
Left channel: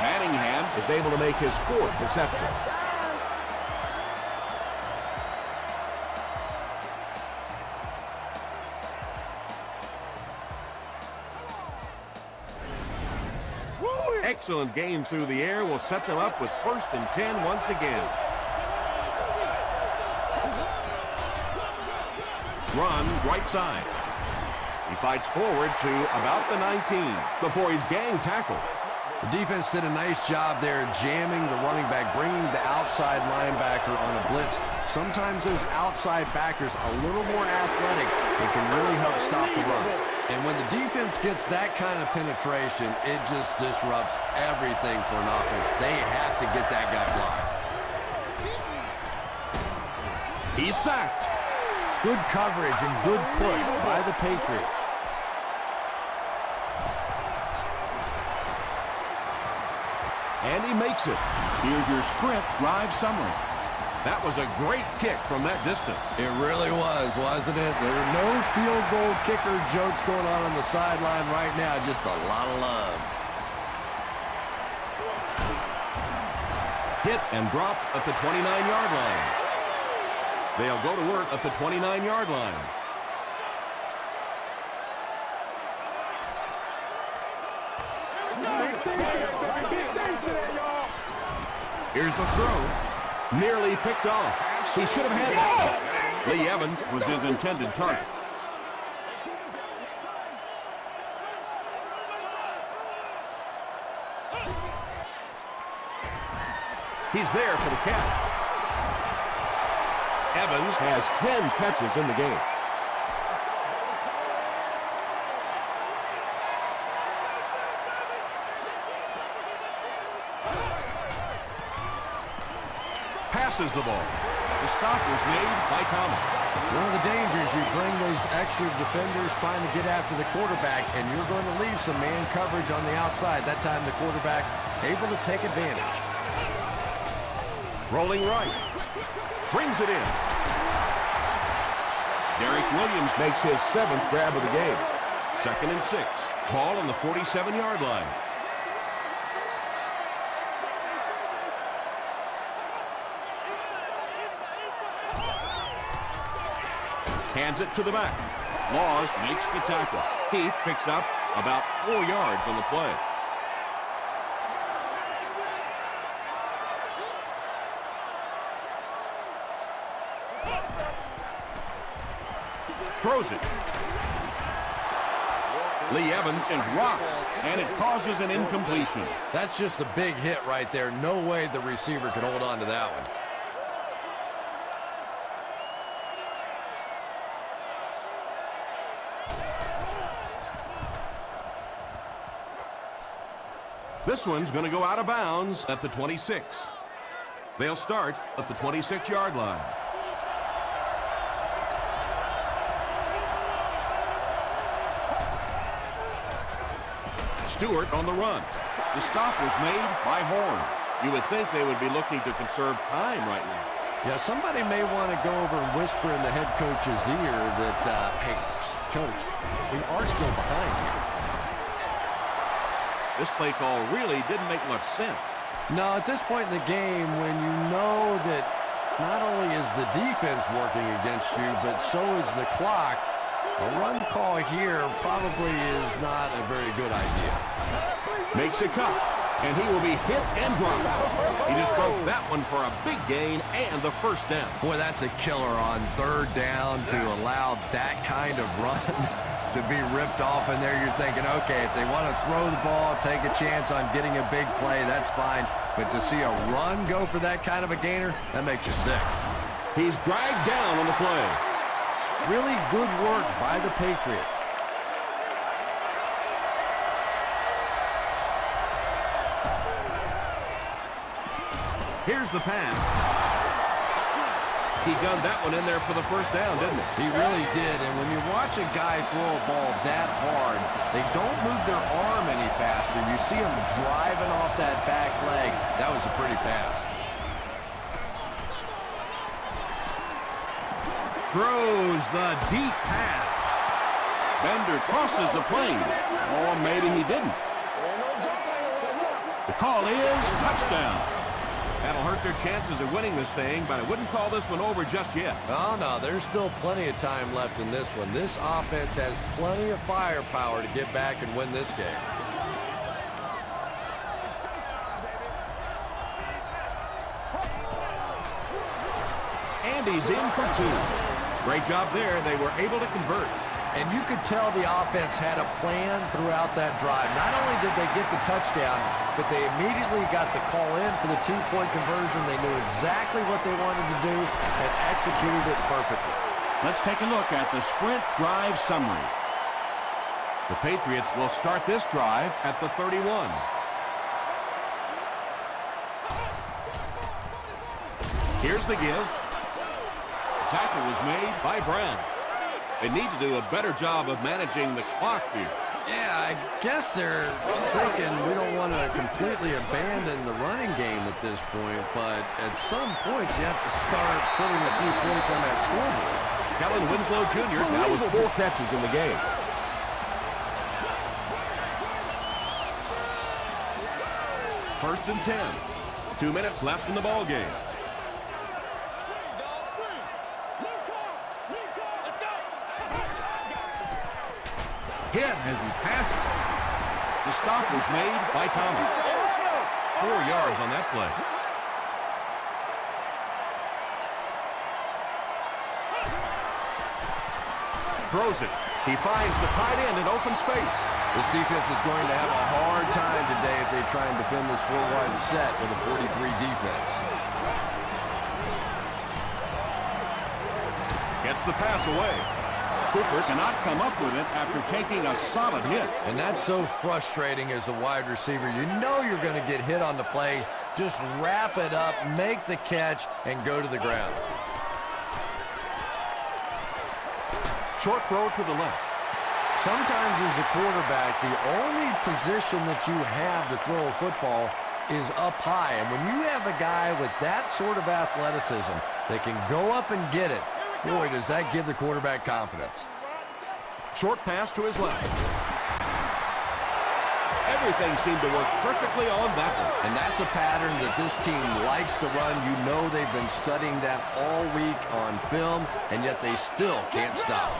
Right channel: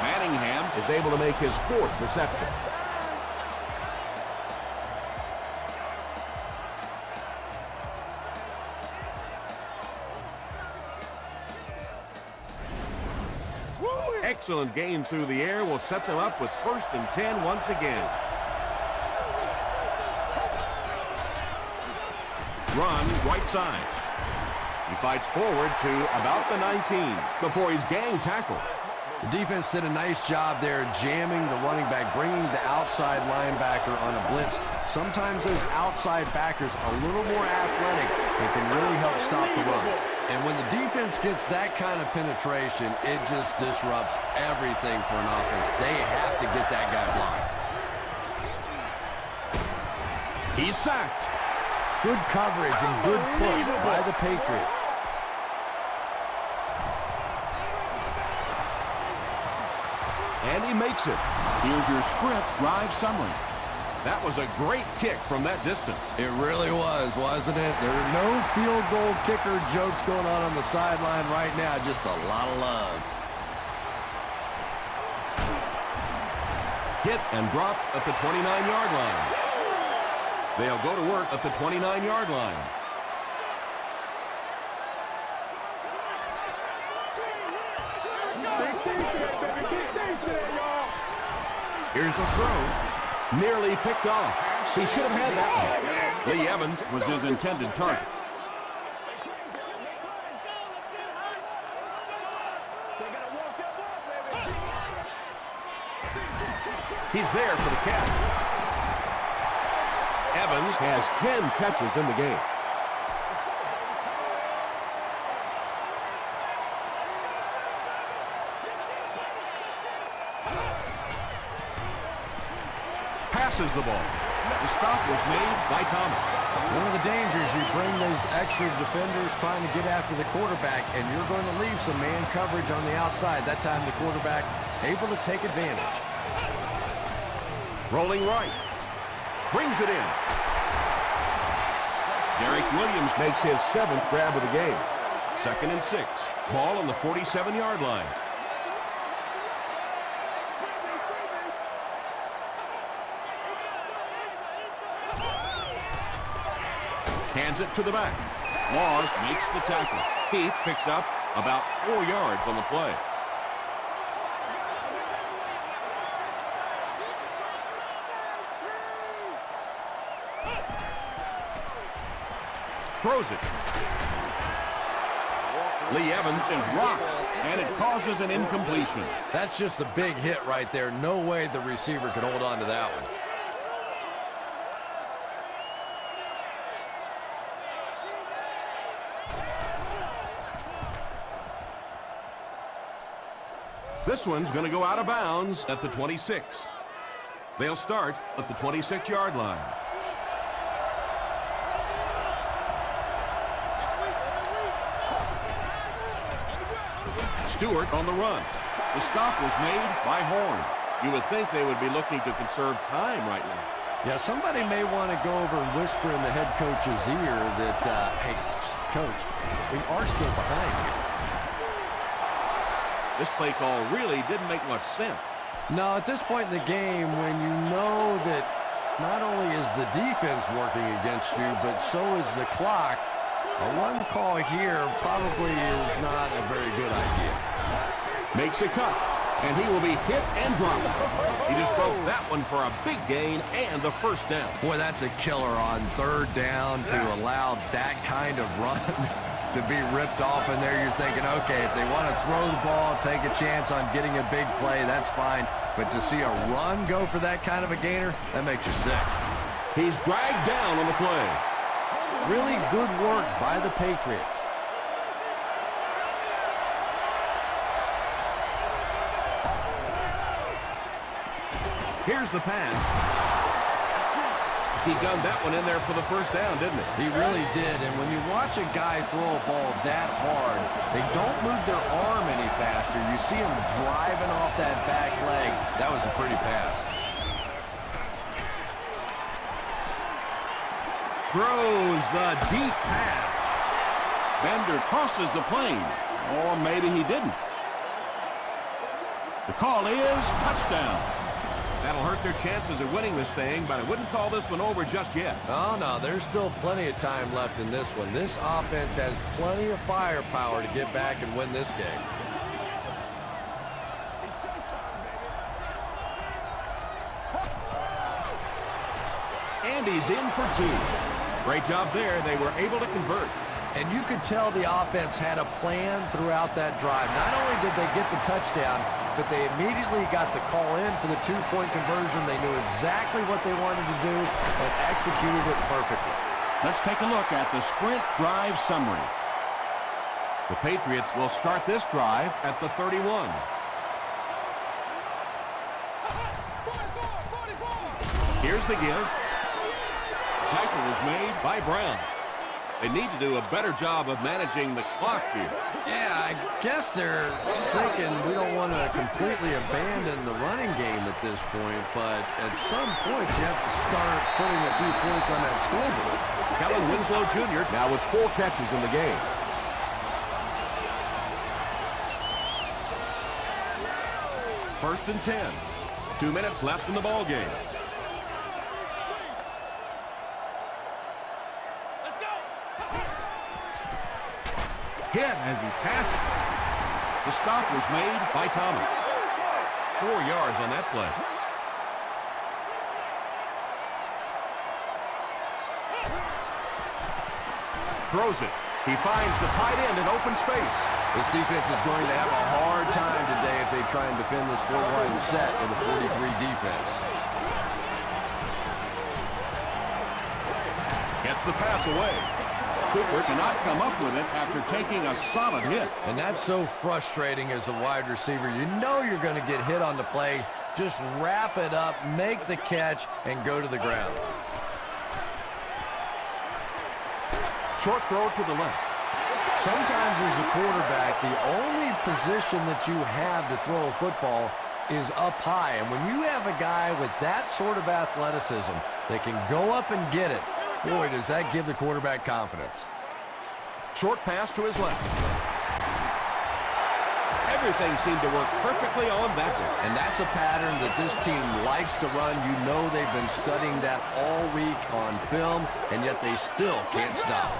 Manningham is able to make his 4th reception. Excellent game through the air will set them up with 1st and 10 once again. Run right side. He fights forward to about the 19 before he's gang tackled. The defense did a nice job there jamming the running back, bringing the outside linebacker on a blitz. Sometimes those outside backers a little more athletic and can really help stop the run. And when the defense gets that kind of penetration, it just disrupts everything for an offense. They have to get that guy blocked. He's sacked. Good coverage and good push by the Patriots. And he makes it. Here's your sprint drive summary. That was a great kick from that distance. It really was, wasn't it? There are no field goal kicker jokes going on the sideline right now. Just a lot of love. Hit and dropped at the 29-yard line. They'll go to work at the 29-yard line. Here's the throw. Nearly picked off. He should have had that one. Lee Evans was his intended target. He's there for the catch. Evans has 10 catches in the game. Passes the ball. The stop was made by Thomas. It's one of the dangers. You bring those extra defenders trying to get after the quarterback, and you're going to leave some man coverage on the outside. That time the quarterback able to take advantage. Rolling right. Brings it in. Derek Williams makes his 7th grab of the game. 2nd and 6. Ball on the 47-yard line. Hands it to the back. Laws makes the tackle. Heath picks up about 4 yards on the play. Throws it. Lee Evans is rocked, and it causes an incompletion. That's just a big hit right there. No way the receiver could hold on to that one. This one's going to go out of bounds at the 26. They'll start at the 26-yard line. Stewart on the run. The stop was made by Horn. You would think they would be looking to conserve time right now. Yeah, somebody may want to go over and whisper in the head coach's ear that, hey, coach, we are still behind here. This play call really didn't make much sense. No, at this point in the game, when you know that not only is the defense working against you, but so is the clock, a run call here probably is not a very good idea. Makes a cut, and he will be hit and dropped. He just broke that one for a big gain and the first down. Boy, that's a killer on 3rd down to allow that kind of run. to be ripped off in there. You're thinking, okay, if they want to throw the ball, take a chance on getting a big play, that's fine. But to see a run go for that kind of a gainer, that makes you sick. He's dragged down on the play. Really good work by the Patriots. Here's the pass. He gunned that one in there for the first down, didn't he? He really did, and when you watch a guy throw a ball that hard, they don't move their arm any faster. You see him driving off that back leg. That was a pretty pass. Throws the deep pass. Bender crosses the plane. Or maybe he didn't. The call is touchdown. That'll hurt their chances of winning this thing, but I wouldn't call this one over just yet. Oh, no, there's still plenty of time left in this one. This offense has plenty of firepower to get back and win this game. It's showtime, baby. And he's in for two. Great job there. They were able to convert. And you could tell the offense had a plan throughout that drive. Not only did they get the touchdown, but they immediately got the call in for the two-point conversion. They knew exactly what they wanted to do and executed it perfectly. Let's take a look at the sprint drive summary. The Patriots will start this drive at the 31. Here's the give. Tackle was made by Brown. They need to do a better job of managing the clock here. Yeah, I guess they're thinking we don't want to completely abandon the running game at this point, but at some point you have to start putting a few points on that scoreboard. Kellen Winslow Jr. now with 4 catches in the game. First and 10. 2 minutes left in the ball game. Hit as he passed. The stop was made by Thomas. 4 yards on that play. Throws it. He finds the tight end in open space. This defense is going to have a hard time today if they try and defend this 4-wide set with a 43 defense. Gets the pass away. Cooper cannot come up with it after taking a solid hit. And that's so frustrating as a wide receiver. You know you're going to get hit on the play. Just wrap it up, make the catch, and go to the ground. Short throw to the left. Sometimes as a quarterback, the only position that you have to throw a football is up high. And when you have a guy with that sort of athleticism that can go up and get it, boy, does that give the quarterback confidence. Short pass to his left. Everything seemed to work perfectly on that one. And that's a pattern that this team likes to run. You know they've been studying that all week on film, and yet they still can't stop.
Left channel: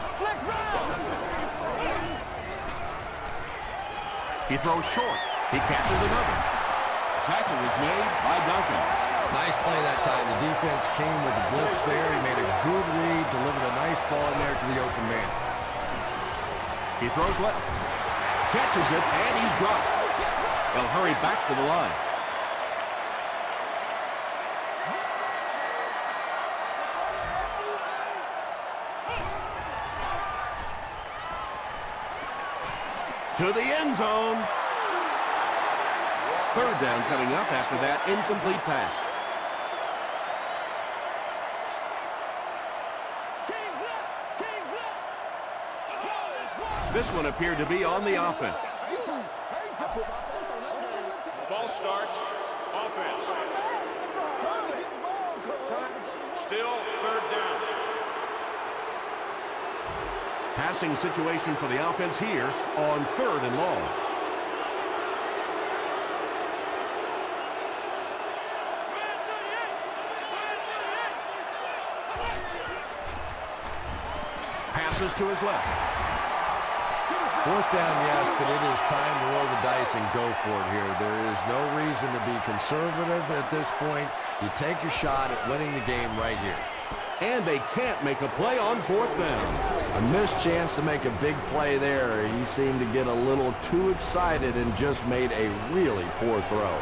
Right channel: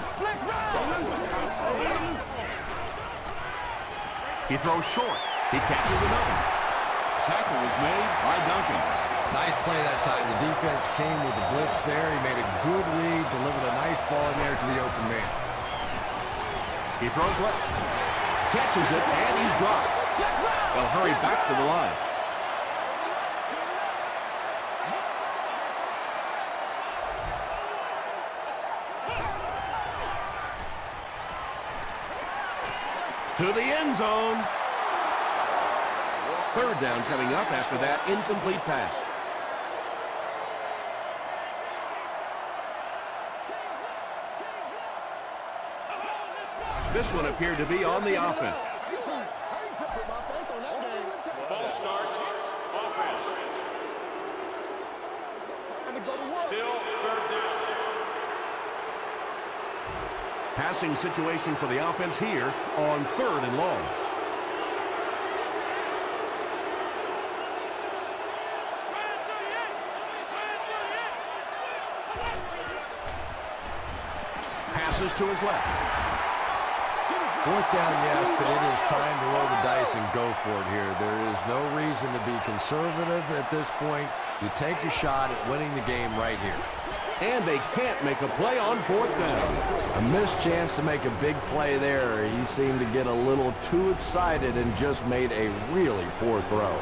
He throws short. He catches another. Tackle was made by Duncan. Nice play that time. The defense came with the blitz there. He made a good read, delivered a nice ball in there to the open man. He throws left. Catches it, and he's dropped. They'll hurry back to the line. To the end zone. Third down coming up after that incomplete pass. This one appeared to be on the offense. False start, offense. Still third down. Passing situation for the offense here on 3rd and long. Passes to his left. 4th down, yes, but it is time to roll the dice and go for it here. There is no reason to be conservative at this point. You take your shot at winning the game right here. And they can't make a play on fourth down. A missed chance to make a big play there. He seemed to get a little too excited and just made a really poor throw.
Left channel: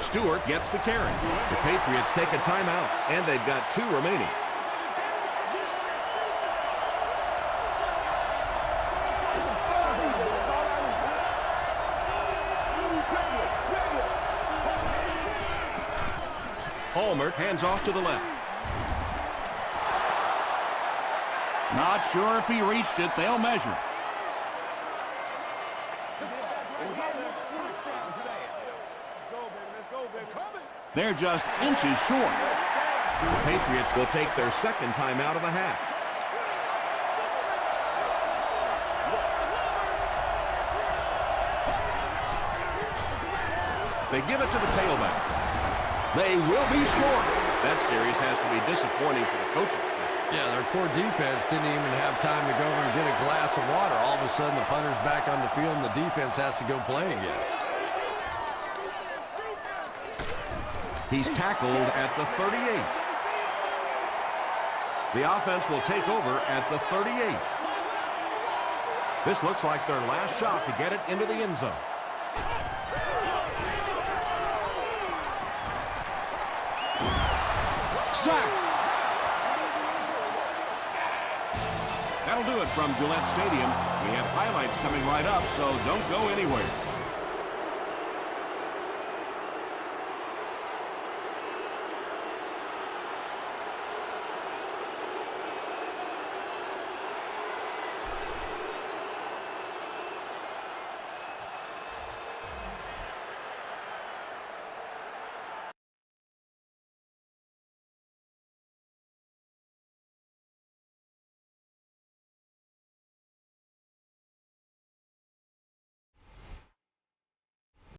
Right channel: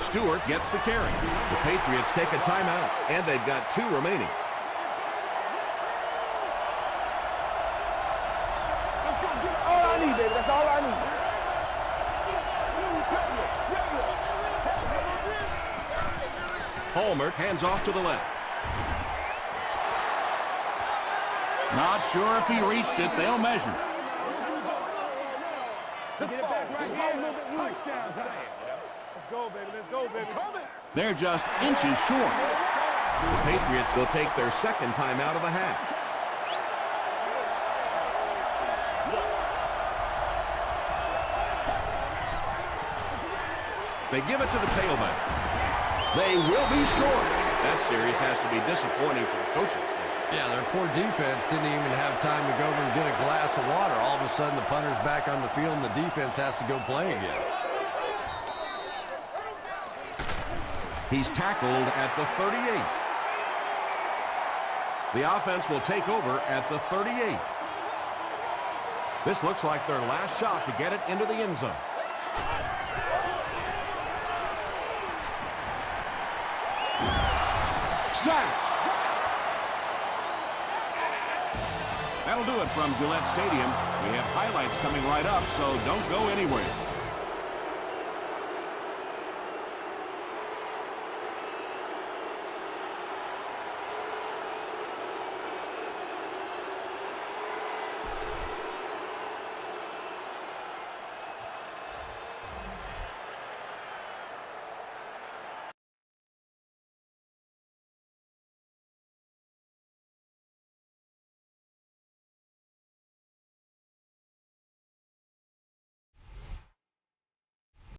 Stewart gets the carry. The Patriots take a timeout, and they've got 2 remaining. All I need, baby. That's all I need. Palmer hands off to the left. Not sure if he reached it. They'll measure. Get it back right here. Touchdown saying, you know. Let's go, baby. Let's go, baby. They're just inches short. The Patriots will take their second timeout of the half. They give it to the tailback. They will be short. That series has to be disappointing for the coaches. Yeah, their poor defense didn't even have time to go over and get a glass of water. All of a sudden, the punter's back on the field, and the defense has to go play again. He's tackled at the 38. The offense will take over at the 38. This looks like their last shot to get it into the end zone. Sacked. That'll do it from Gillette Stadium. We have highlights coming right up, so don't go anywhere.